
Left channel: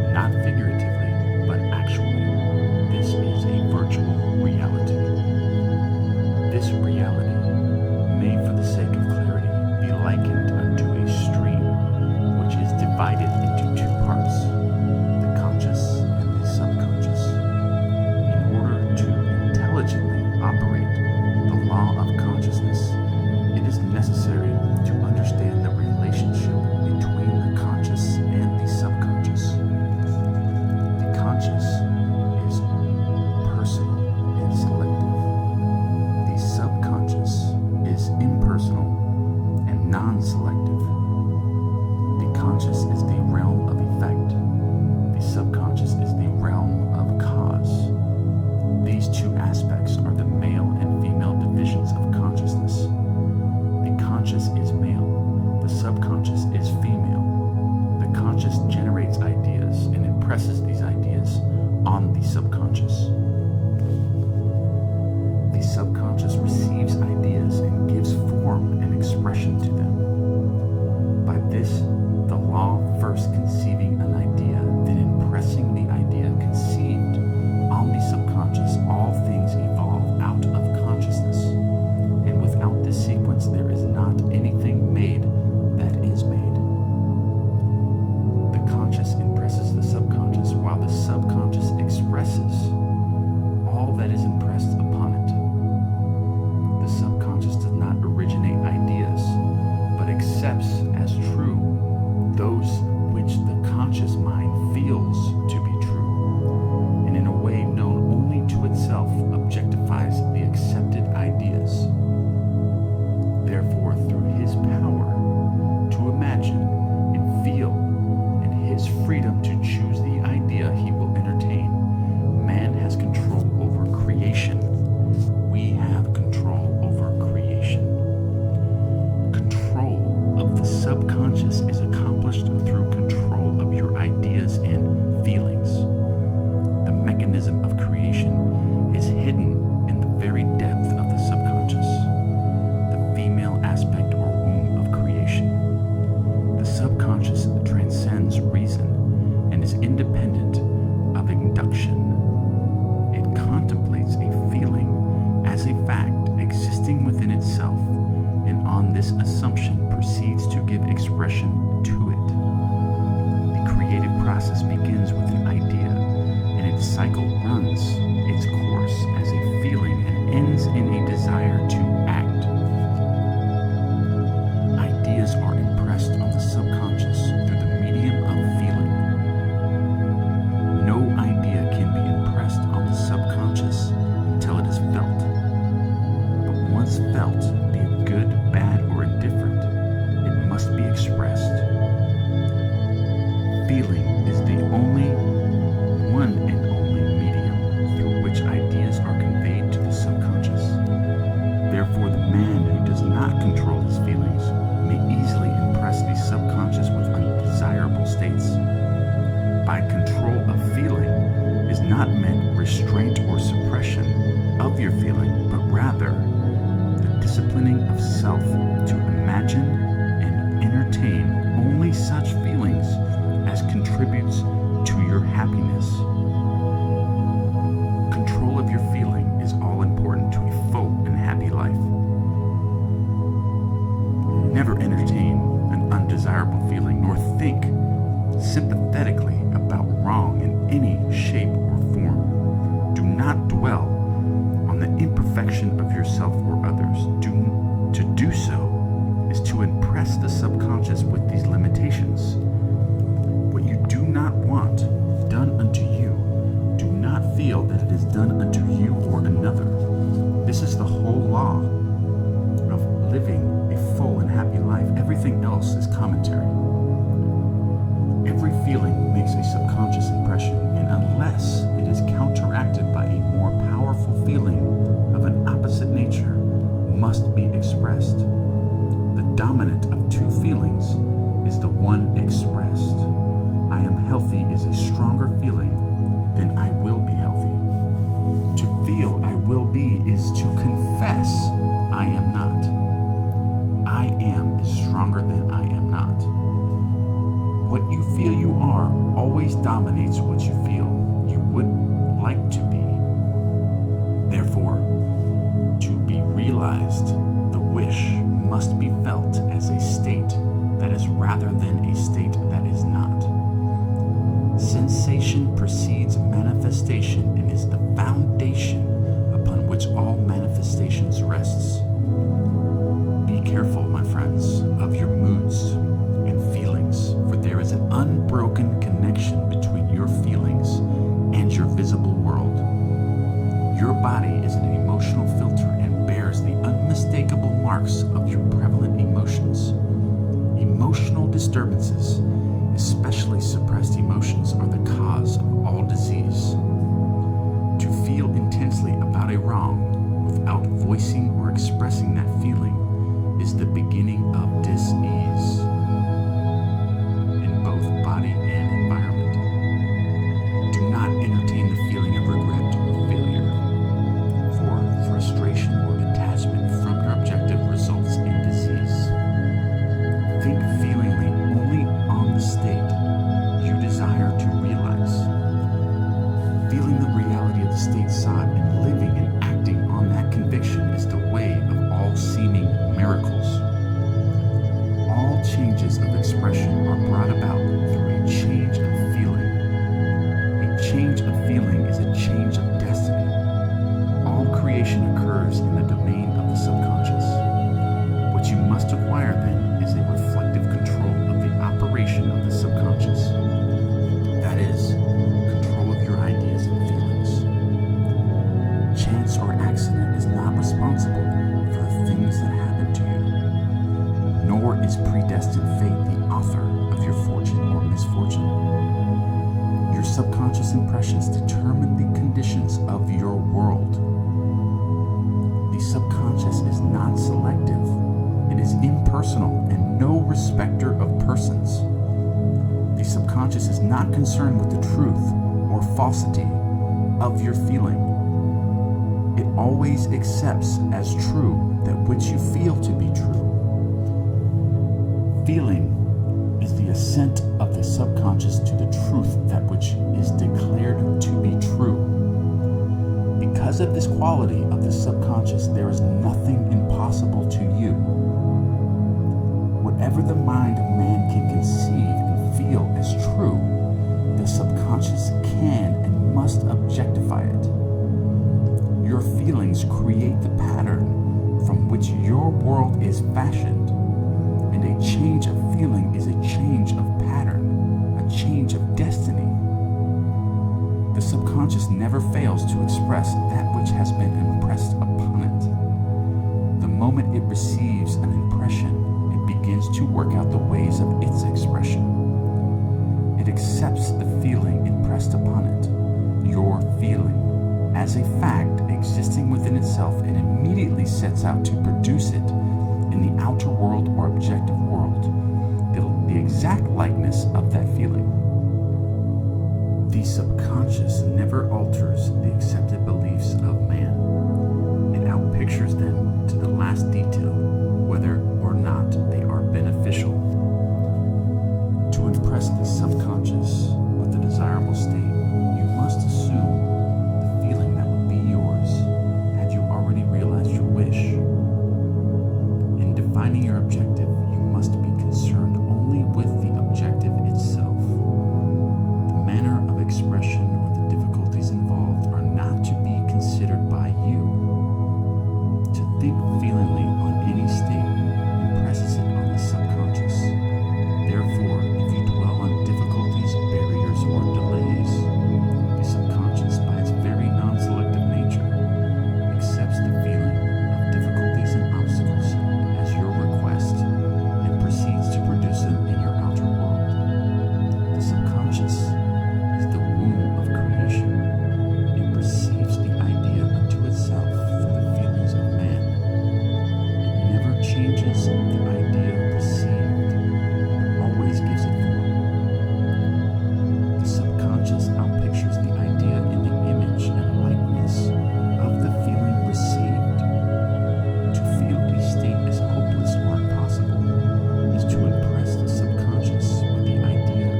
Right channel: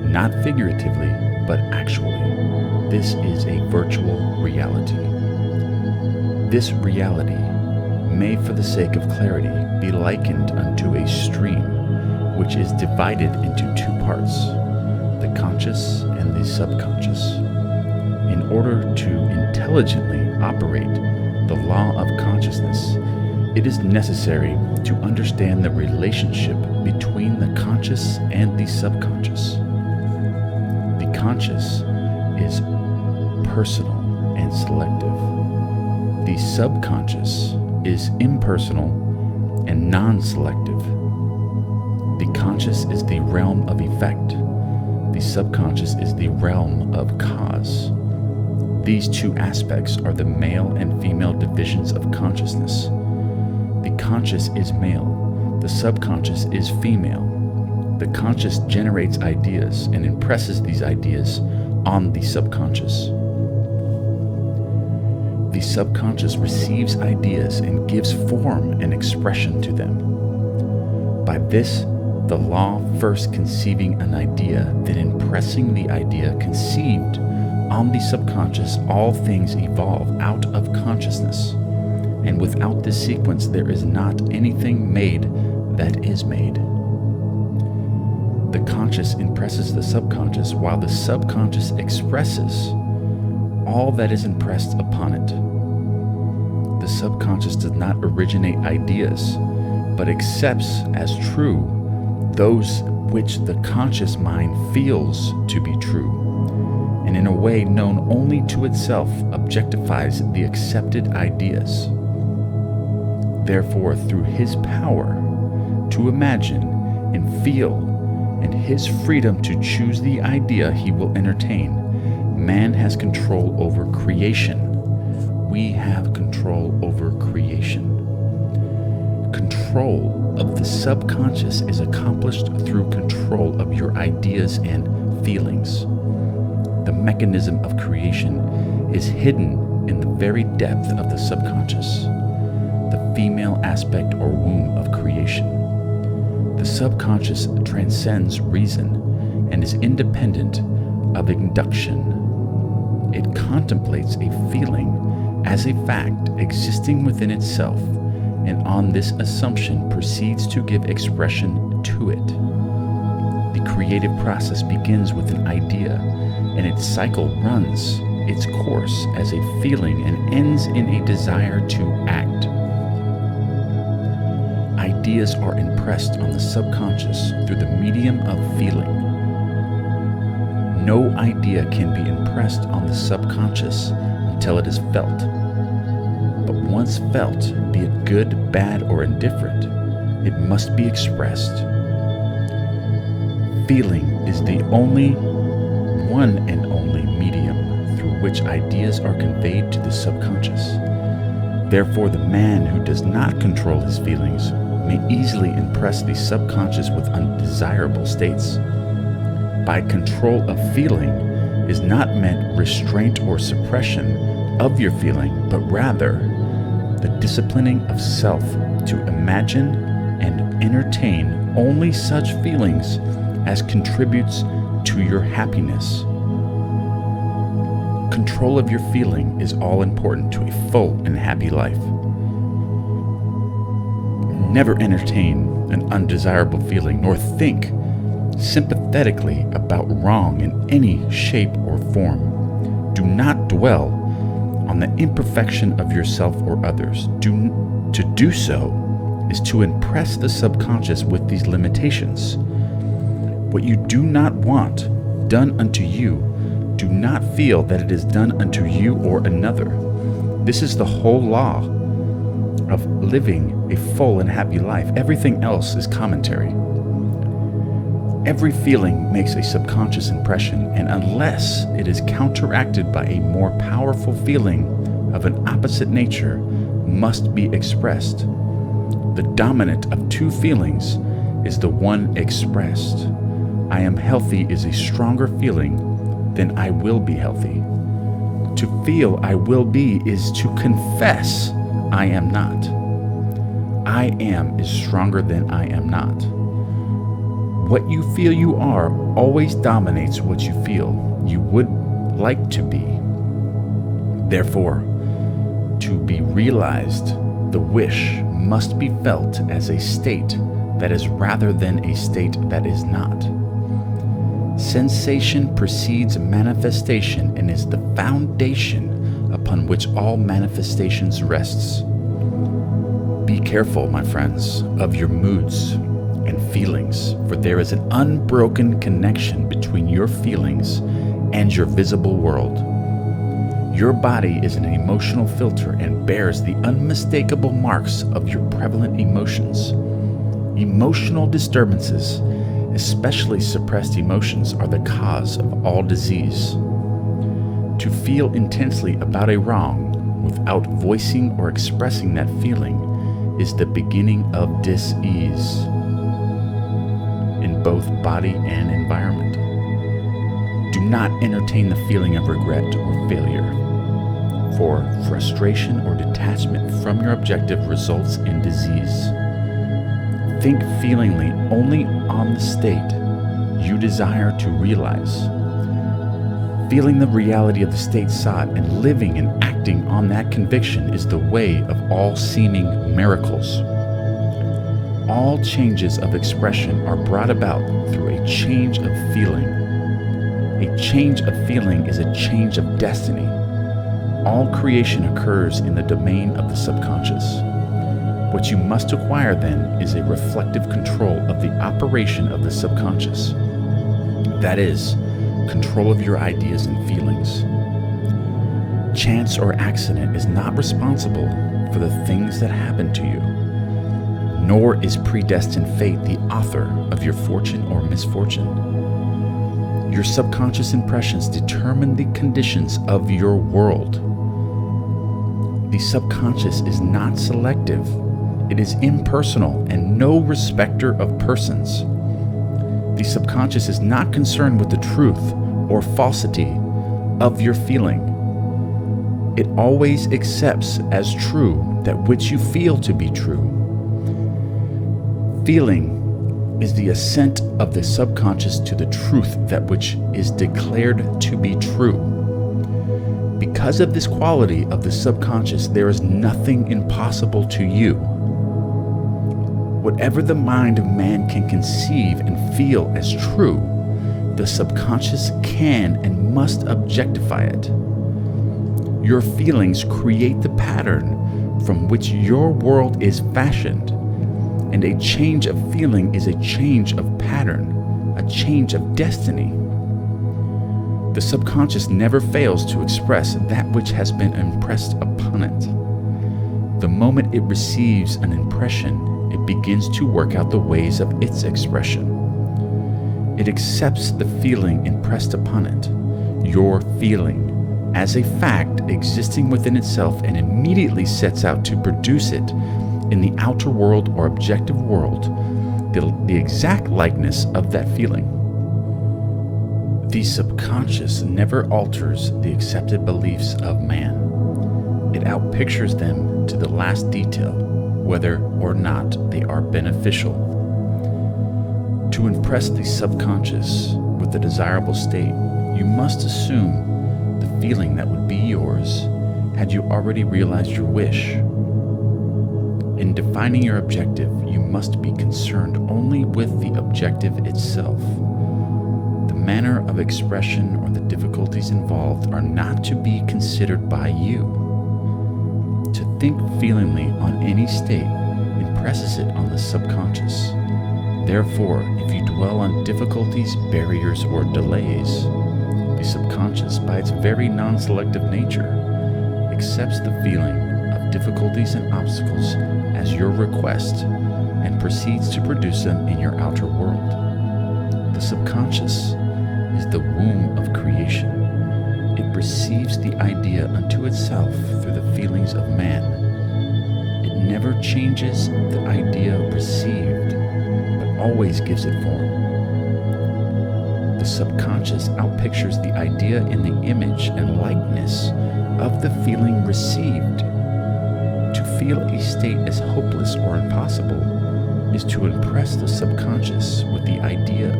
not figuratively, but actually. This is a virtual reality. This reality may, for the sake of clarity, be likened unto a stream, which is divided into two parts, the conscious and the subconscious. In order to intelligently operate the law of consciousness, it is necessary to understand the relationship between the conscious and the subconscious. The conscious is personal and selective. The subconscious is impersonal and non-selective. The conscious is the realm of effect. The subconscious is the realm of cause. These two aspects are the male and female divisions of consciousness. The conscious is male. The subconscious is female. The conscious generates ideas and impresses these ideas on the subconscious. The subconscious receives ideas and gives form and expression to them. By this, the law first conceiving an idea, then impressing the idea conceived on the subconscious, all things evolve out of consciousness. And without this sequence, there is not anything made that is made. The conscious impresses the subconscious, while the subconscious expresses all that is impressed upon it. The subconscious does not originate ideas, but accepts as true those which the conscious mind feels to be true, and in a way known only to itself objectifies the accepted ideas. Therefore, through his power to imagine and feel and his freedom to choose the idea he will entertain, man has control over creation. We have control over creation. Control of the subconscious is accomplished through control of your ideas and feelings. The mechanism of creation is hidden in the very depth of the subconscious, the female aspect or womb of creation. The subconscious transcends reason and is independent of induction. It contemplates a feeling as a fact existing within itself, and on this assumption proceeds to give expression to it. The creative process begins with an idea, and its cycle runs its course as a feeling and ends in a desire to act. Ideas are impressed on the subconscious through the medium of feeling. No idea can be impressed on the subconscious until it is felt. But once felt, be it good, bad, or indifferent, it must be expressed. Feeling is the only one and only medium through which ideas are conveyed to the subconscious. Therefore, the man who does not control his feelings may easily impress the subconscious with undesirable states. By control of feeling is not meant restraint or suppression of your feeling, but rather the disciplining of self to imagine and entertain only such feelings as contributes to your happiness. Control of your feeling is all important to a full and happy life. Never entertain an undesirable feeling, nor think sympathetically about wrong in any shape or form. Do not dwell on the imperfection of yourself or others. To do so is to impress the subconscious with these limitations. What you do not want done unto you, do not feel that it is done unto you or another. This is the whole law of living a full and happy life. Everything else is commentary. Every feeling makes a subconscious impression, and unless it is counteracted by a more powerful feeling of an opposite nature, must be expressed. The dominant of two feelings is the one expressed. I am healthy is a stronger feeling than I will be healthy. To feel I will be is to confess I am not. I am is stronger than I am not. What you feel you are always dominates what you feel you would like to be. Therefore, to be realized, the wish must be felt as a state that is rather than a state that is not. Sensation precedes manifestation and is the foundation upon which all manifestations rests. Be careful, my friends, of your moods and feelings, for there is an unbroken connection between your feelings and your visible world. Your body is an emotional filter and bears the unmistakable marks of your prevalent emotions. Emotional disturbances, especially suppressed emotions, are the cause of all disease. To feel intensely about a wrong without voicing or expressing that feeling is the beginning of dis-ease in both body and environment. Do not entertain the feeling of regret or failure, for frustration or detachment from your objective results in disease. Think feelingly only on the state you desire to realize. Feeling the reality of the state sought and living and acting on that conviction is the way of all seeming miracles. All changes of expression are brought about through a change of feeling. A change of feeling is a change of destiny. All creation occurs in the domain of the subconscious. What you must acquire then is a reflective control of the operation of the subconscious. That is, control of your ideas and feelings. Chance or accident is not responsible for the things that happen to you, nor is predestined fate the author of your fortune or misfortune. Your subconscious impressions determine the conditions of your world. The subconscious is not selective. It is impersonal and no respecter of persons. The subconscious is not concerned with the truth or falsity of your feeling. It always accepts as true that which you feel to be true. Feeling is the assent of the subconscious to the truth that which is declared to be true. Because of this quality of the subconscious, there is nothing impossible to you. Whatever the mind of man can conceive and feel as true, the subconscious can and must objectify it. Your feelings create the pattern from which your world is fashioned, and a change of feeling is a change of pattern, a change of destiny. The subconscious never fails to express that which has been impressed upon it. The moment it receives an impression, it begins to work out the ways of its expression. It accepts the feeling impressed upon it, your feeling, as a fact existing within itself, and immediately sets out to produce it in the outer world or objective world, the exact likeness of that feeling. The subconscious never alters the accepted beliefs of man. It outpictures them to the last detail, whether or not they are beneficial. To impress the subconscious with the desirable state, you must assume the feeling that would be yours had you already realized your wish. In defining your objective, you must be concerned only with the objective itself. The manner of expression or the difficulties involved are not to be considered by you. To think feelingly on any state impresses it on the subconscious. Therefore, if you dwell on difficulties, barriers, or delays, the subconscious, by its very non-selective nature, accepts the feeling of difficulties and obstacles as your request and proceeds to produce them in your outer world. The subconscious is the womb of creation. It receives the idea unto itself through the feelings of man. It never changes the idea received, but always gives it form. The subconscious outpictures the idea in the image and likeness of the feeling received. To feel a state as hopeless or impossible is to impress the subconscious with the idea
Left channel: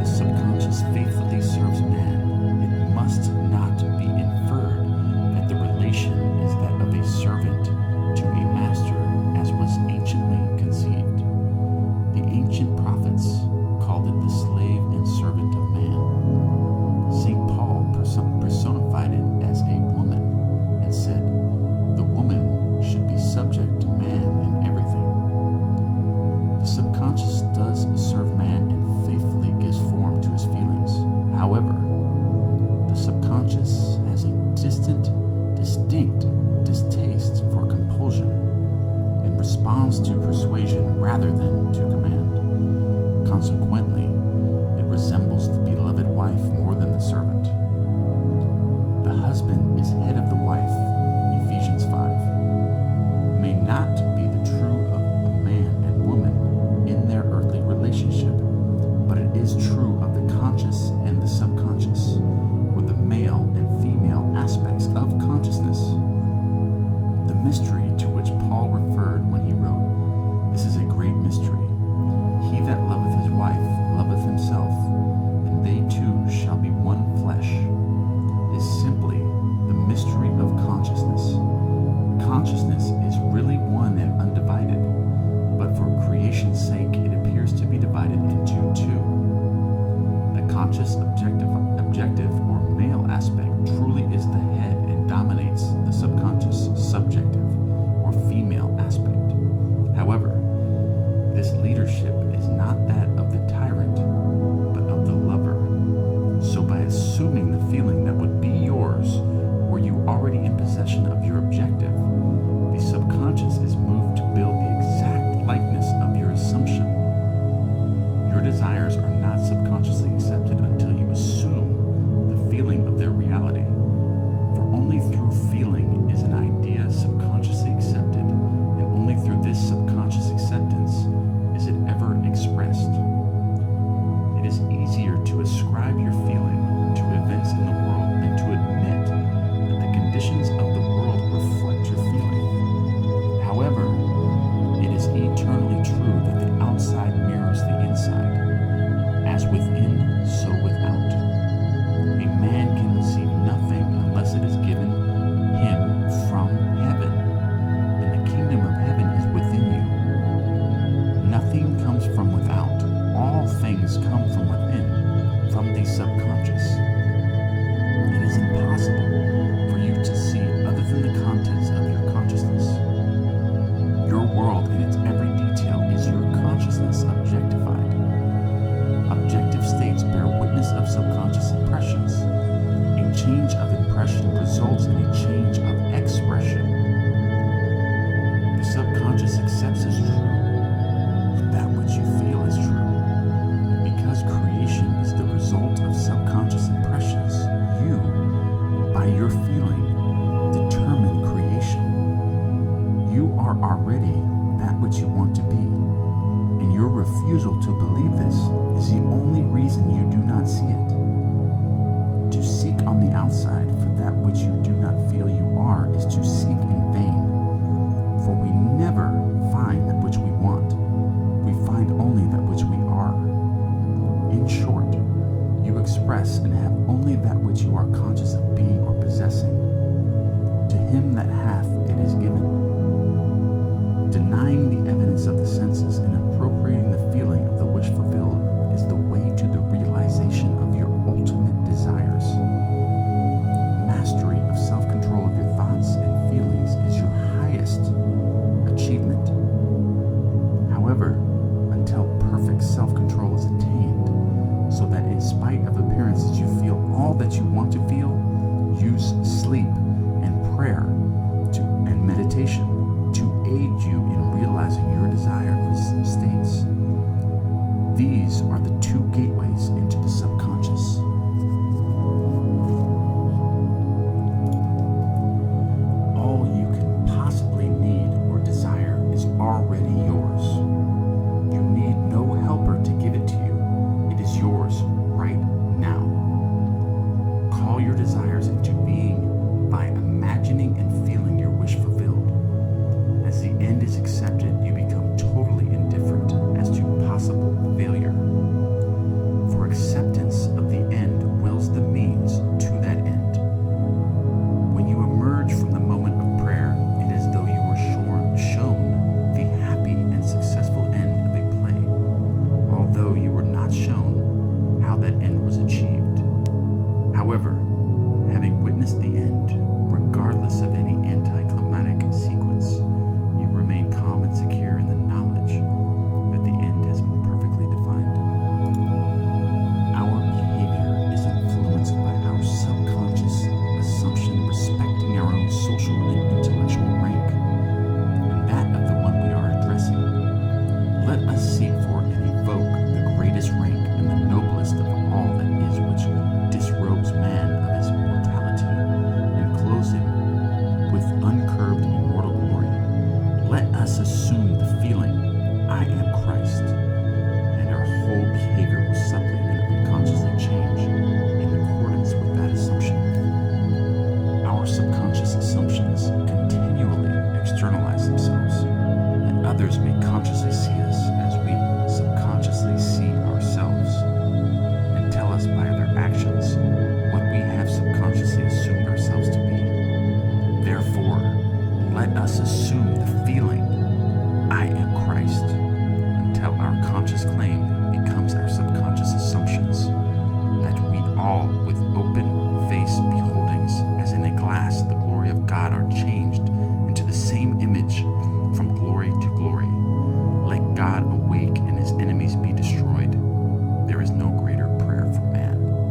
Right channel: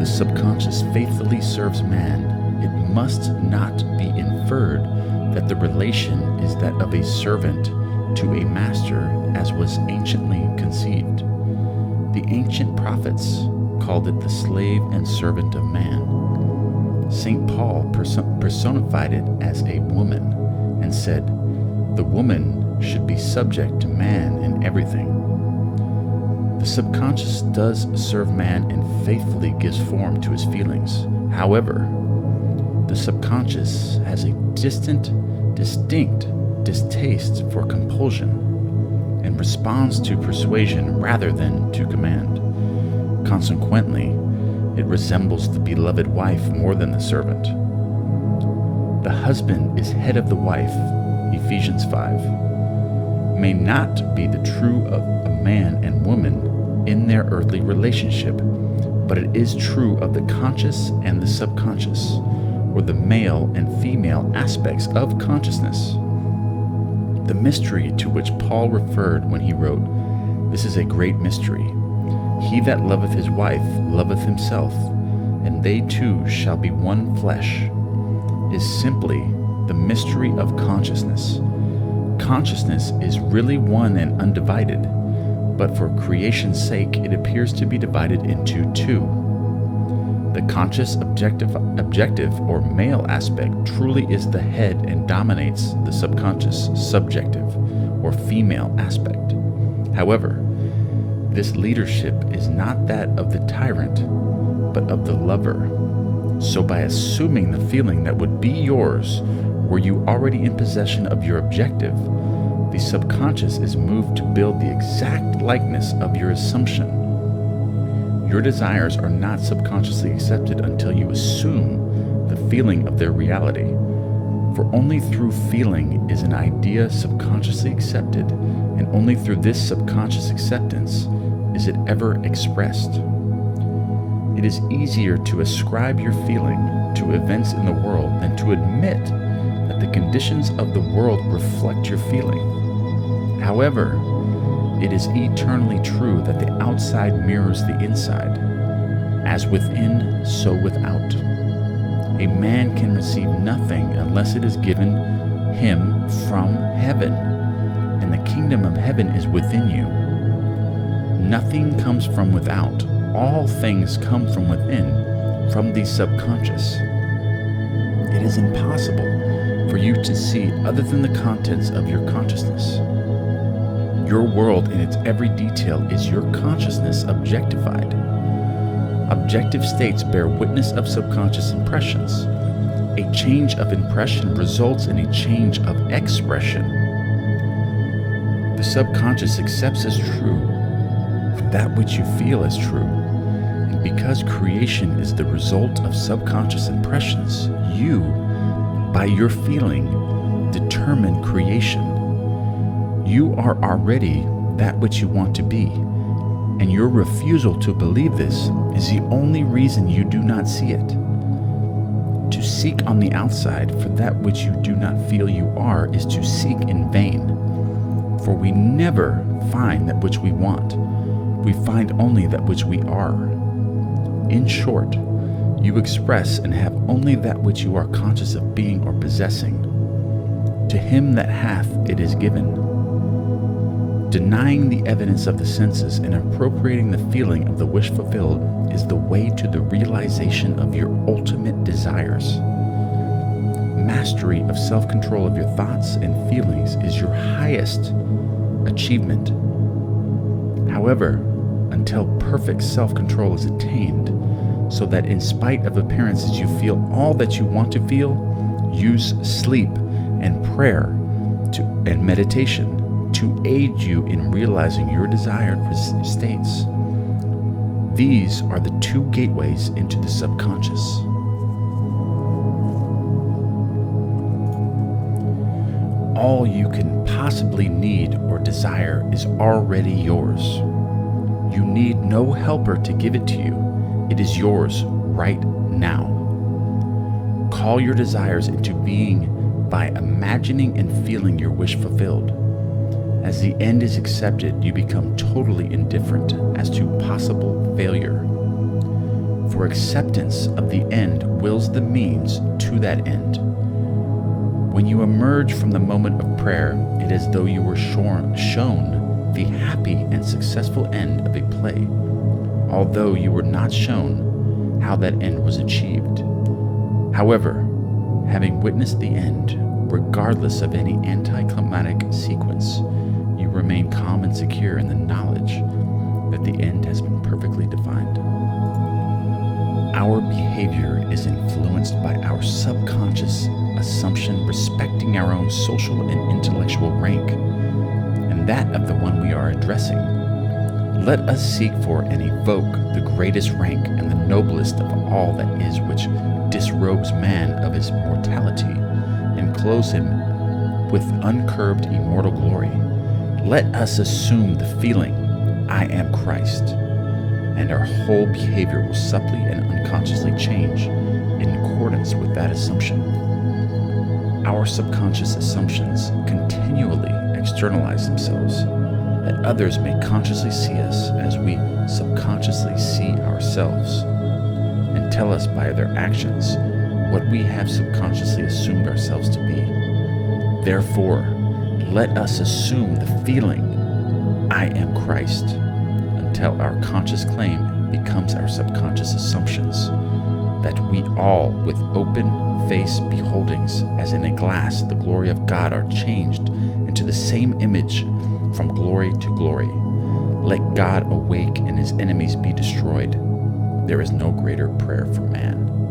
the subconscious faithfully serves man, it must not be inferred that the relation is that of a servant to a master, as was anciently conceived. The ancient prophets called it the slave and servant of man. St. Paul personified it as a woman and said, "The woman should be subject to man in everything." The subconscious does serve man and faithfully gives form to his feelings. However, the subconscious has a distinct distaste for compulsion and responds to persuasion rather than to command. Consequently, it resembles the beloved wife more than the servant. The husband is head of the wife, Ephesians 5. May not be the true of a man and woman in their earthly relationship, but it is true of the conscious and the subconscious, or the male and female aspects of consciousness. The mystery to which Paul referred when he wrote, "This is a great mystery. He that loveth his wife loveth himself, and they two shall be one flesh," is simply the mystery of consciousness. Consciousness is really one and undivided, but for creation's sake it appears to be divided into two. The conscious objective or male aspect truly is the head and dominates the subconscious subjective or female aspect. However, this leadership is not that of the tyrant, but of the lover. So by assuming the feeling that would be yours were you already in possession of your objective, the subconscious is moved to build the exact likeness of your assumption. Your desires are not subconsciously accepted until you assume the feeling of their reality. For only through feeling is an idea subconsciously accepted, and only through this subconscious acceptance is it ever expressed. It is easier to ascribe your feeling to events in the world than to admit that the conditions of the world reflect your feeling. However, it is eternally true that the outside mirrors the inside. As within, so without. A man can receive nothing unless it is given him from heaven, and the kingdom of heaven is within you. Nothing comes from without. All things come from within, from the subconscious. It is impossible for you to see other than the contents of your consciousness. Your world in its every detail is your consciousness objectified. Objective states bear witness of subconscious impressions. A change of impression results in a change of expression. The subconscious accepts as true that which you feel as true. And because creation is the result of subconscious impressions, you, by your feeling, determine creation. You are already that which you want to be, and your refusal to believe this is the only reason you do not see it. To seek on the outside for that which you do not feel you are is to seek in vain, for we never find that which we want. We find only that which we are. In short, you express and have only that which you are conscious of being or possessing. To him that hath, it is given. Denying the evidence of the senses and appropriating the feeling of the wish fulfilled is the way to the realization of your ultimate desires. Mastery of self-control of your thoughts and feelings is your highest achievement. However, until perfect self-control is attained, so that in spite of appearances you feel all that you want to feel, use sleep and prayer and meditation to aid you in realizing your desired states. These are the two gateways into the subconscious. All you can possibly need or desire is already yours. You need no helper to give it to you. It is yours right now. Call your desires into being by imagining and feeling your wish fulfilled. As the end is accepted, you become totally indifferent as to possible failure. For for acceptance of the end wills the means to that end. When you emerge from the moment of prayer, it is as though you were shown the happy and successful end of a play, although you were not shown how that end was achieved. However, having witnessed the end, regardless of any anticlimactic sequence, you remain calm and secure in the knowledge that the end has been perfectly defined. Our behavior is influenced by our subconscious assumption respecting our own social and intellectual rank, and that of the one we are addressing. Let us seek for and evoke the greatest rank and the noblest of all that is, which disrobes man of his mortality and clothes him with uncurbed immortal glory. Let us assume the feeling, I am Christ, and our whole behavior will subtly and unconsciously change in accordance with that assumption. Our subconscious assumptions continually externalize themselves, that others may consciously see us as we subconsciously see ourselves, and tell us by their actions what we have subconsciously assumed ourselves to be. Therefore, let us assume the feeling, I am Christ, until our conscious claim becomes our subconscious assumptions, that we all, with open face beholdings, as in a glass, the glory of God, are changed into the same image from glory to glory. Let God awake and his enemies be destroyed. There is no greater prayer for man.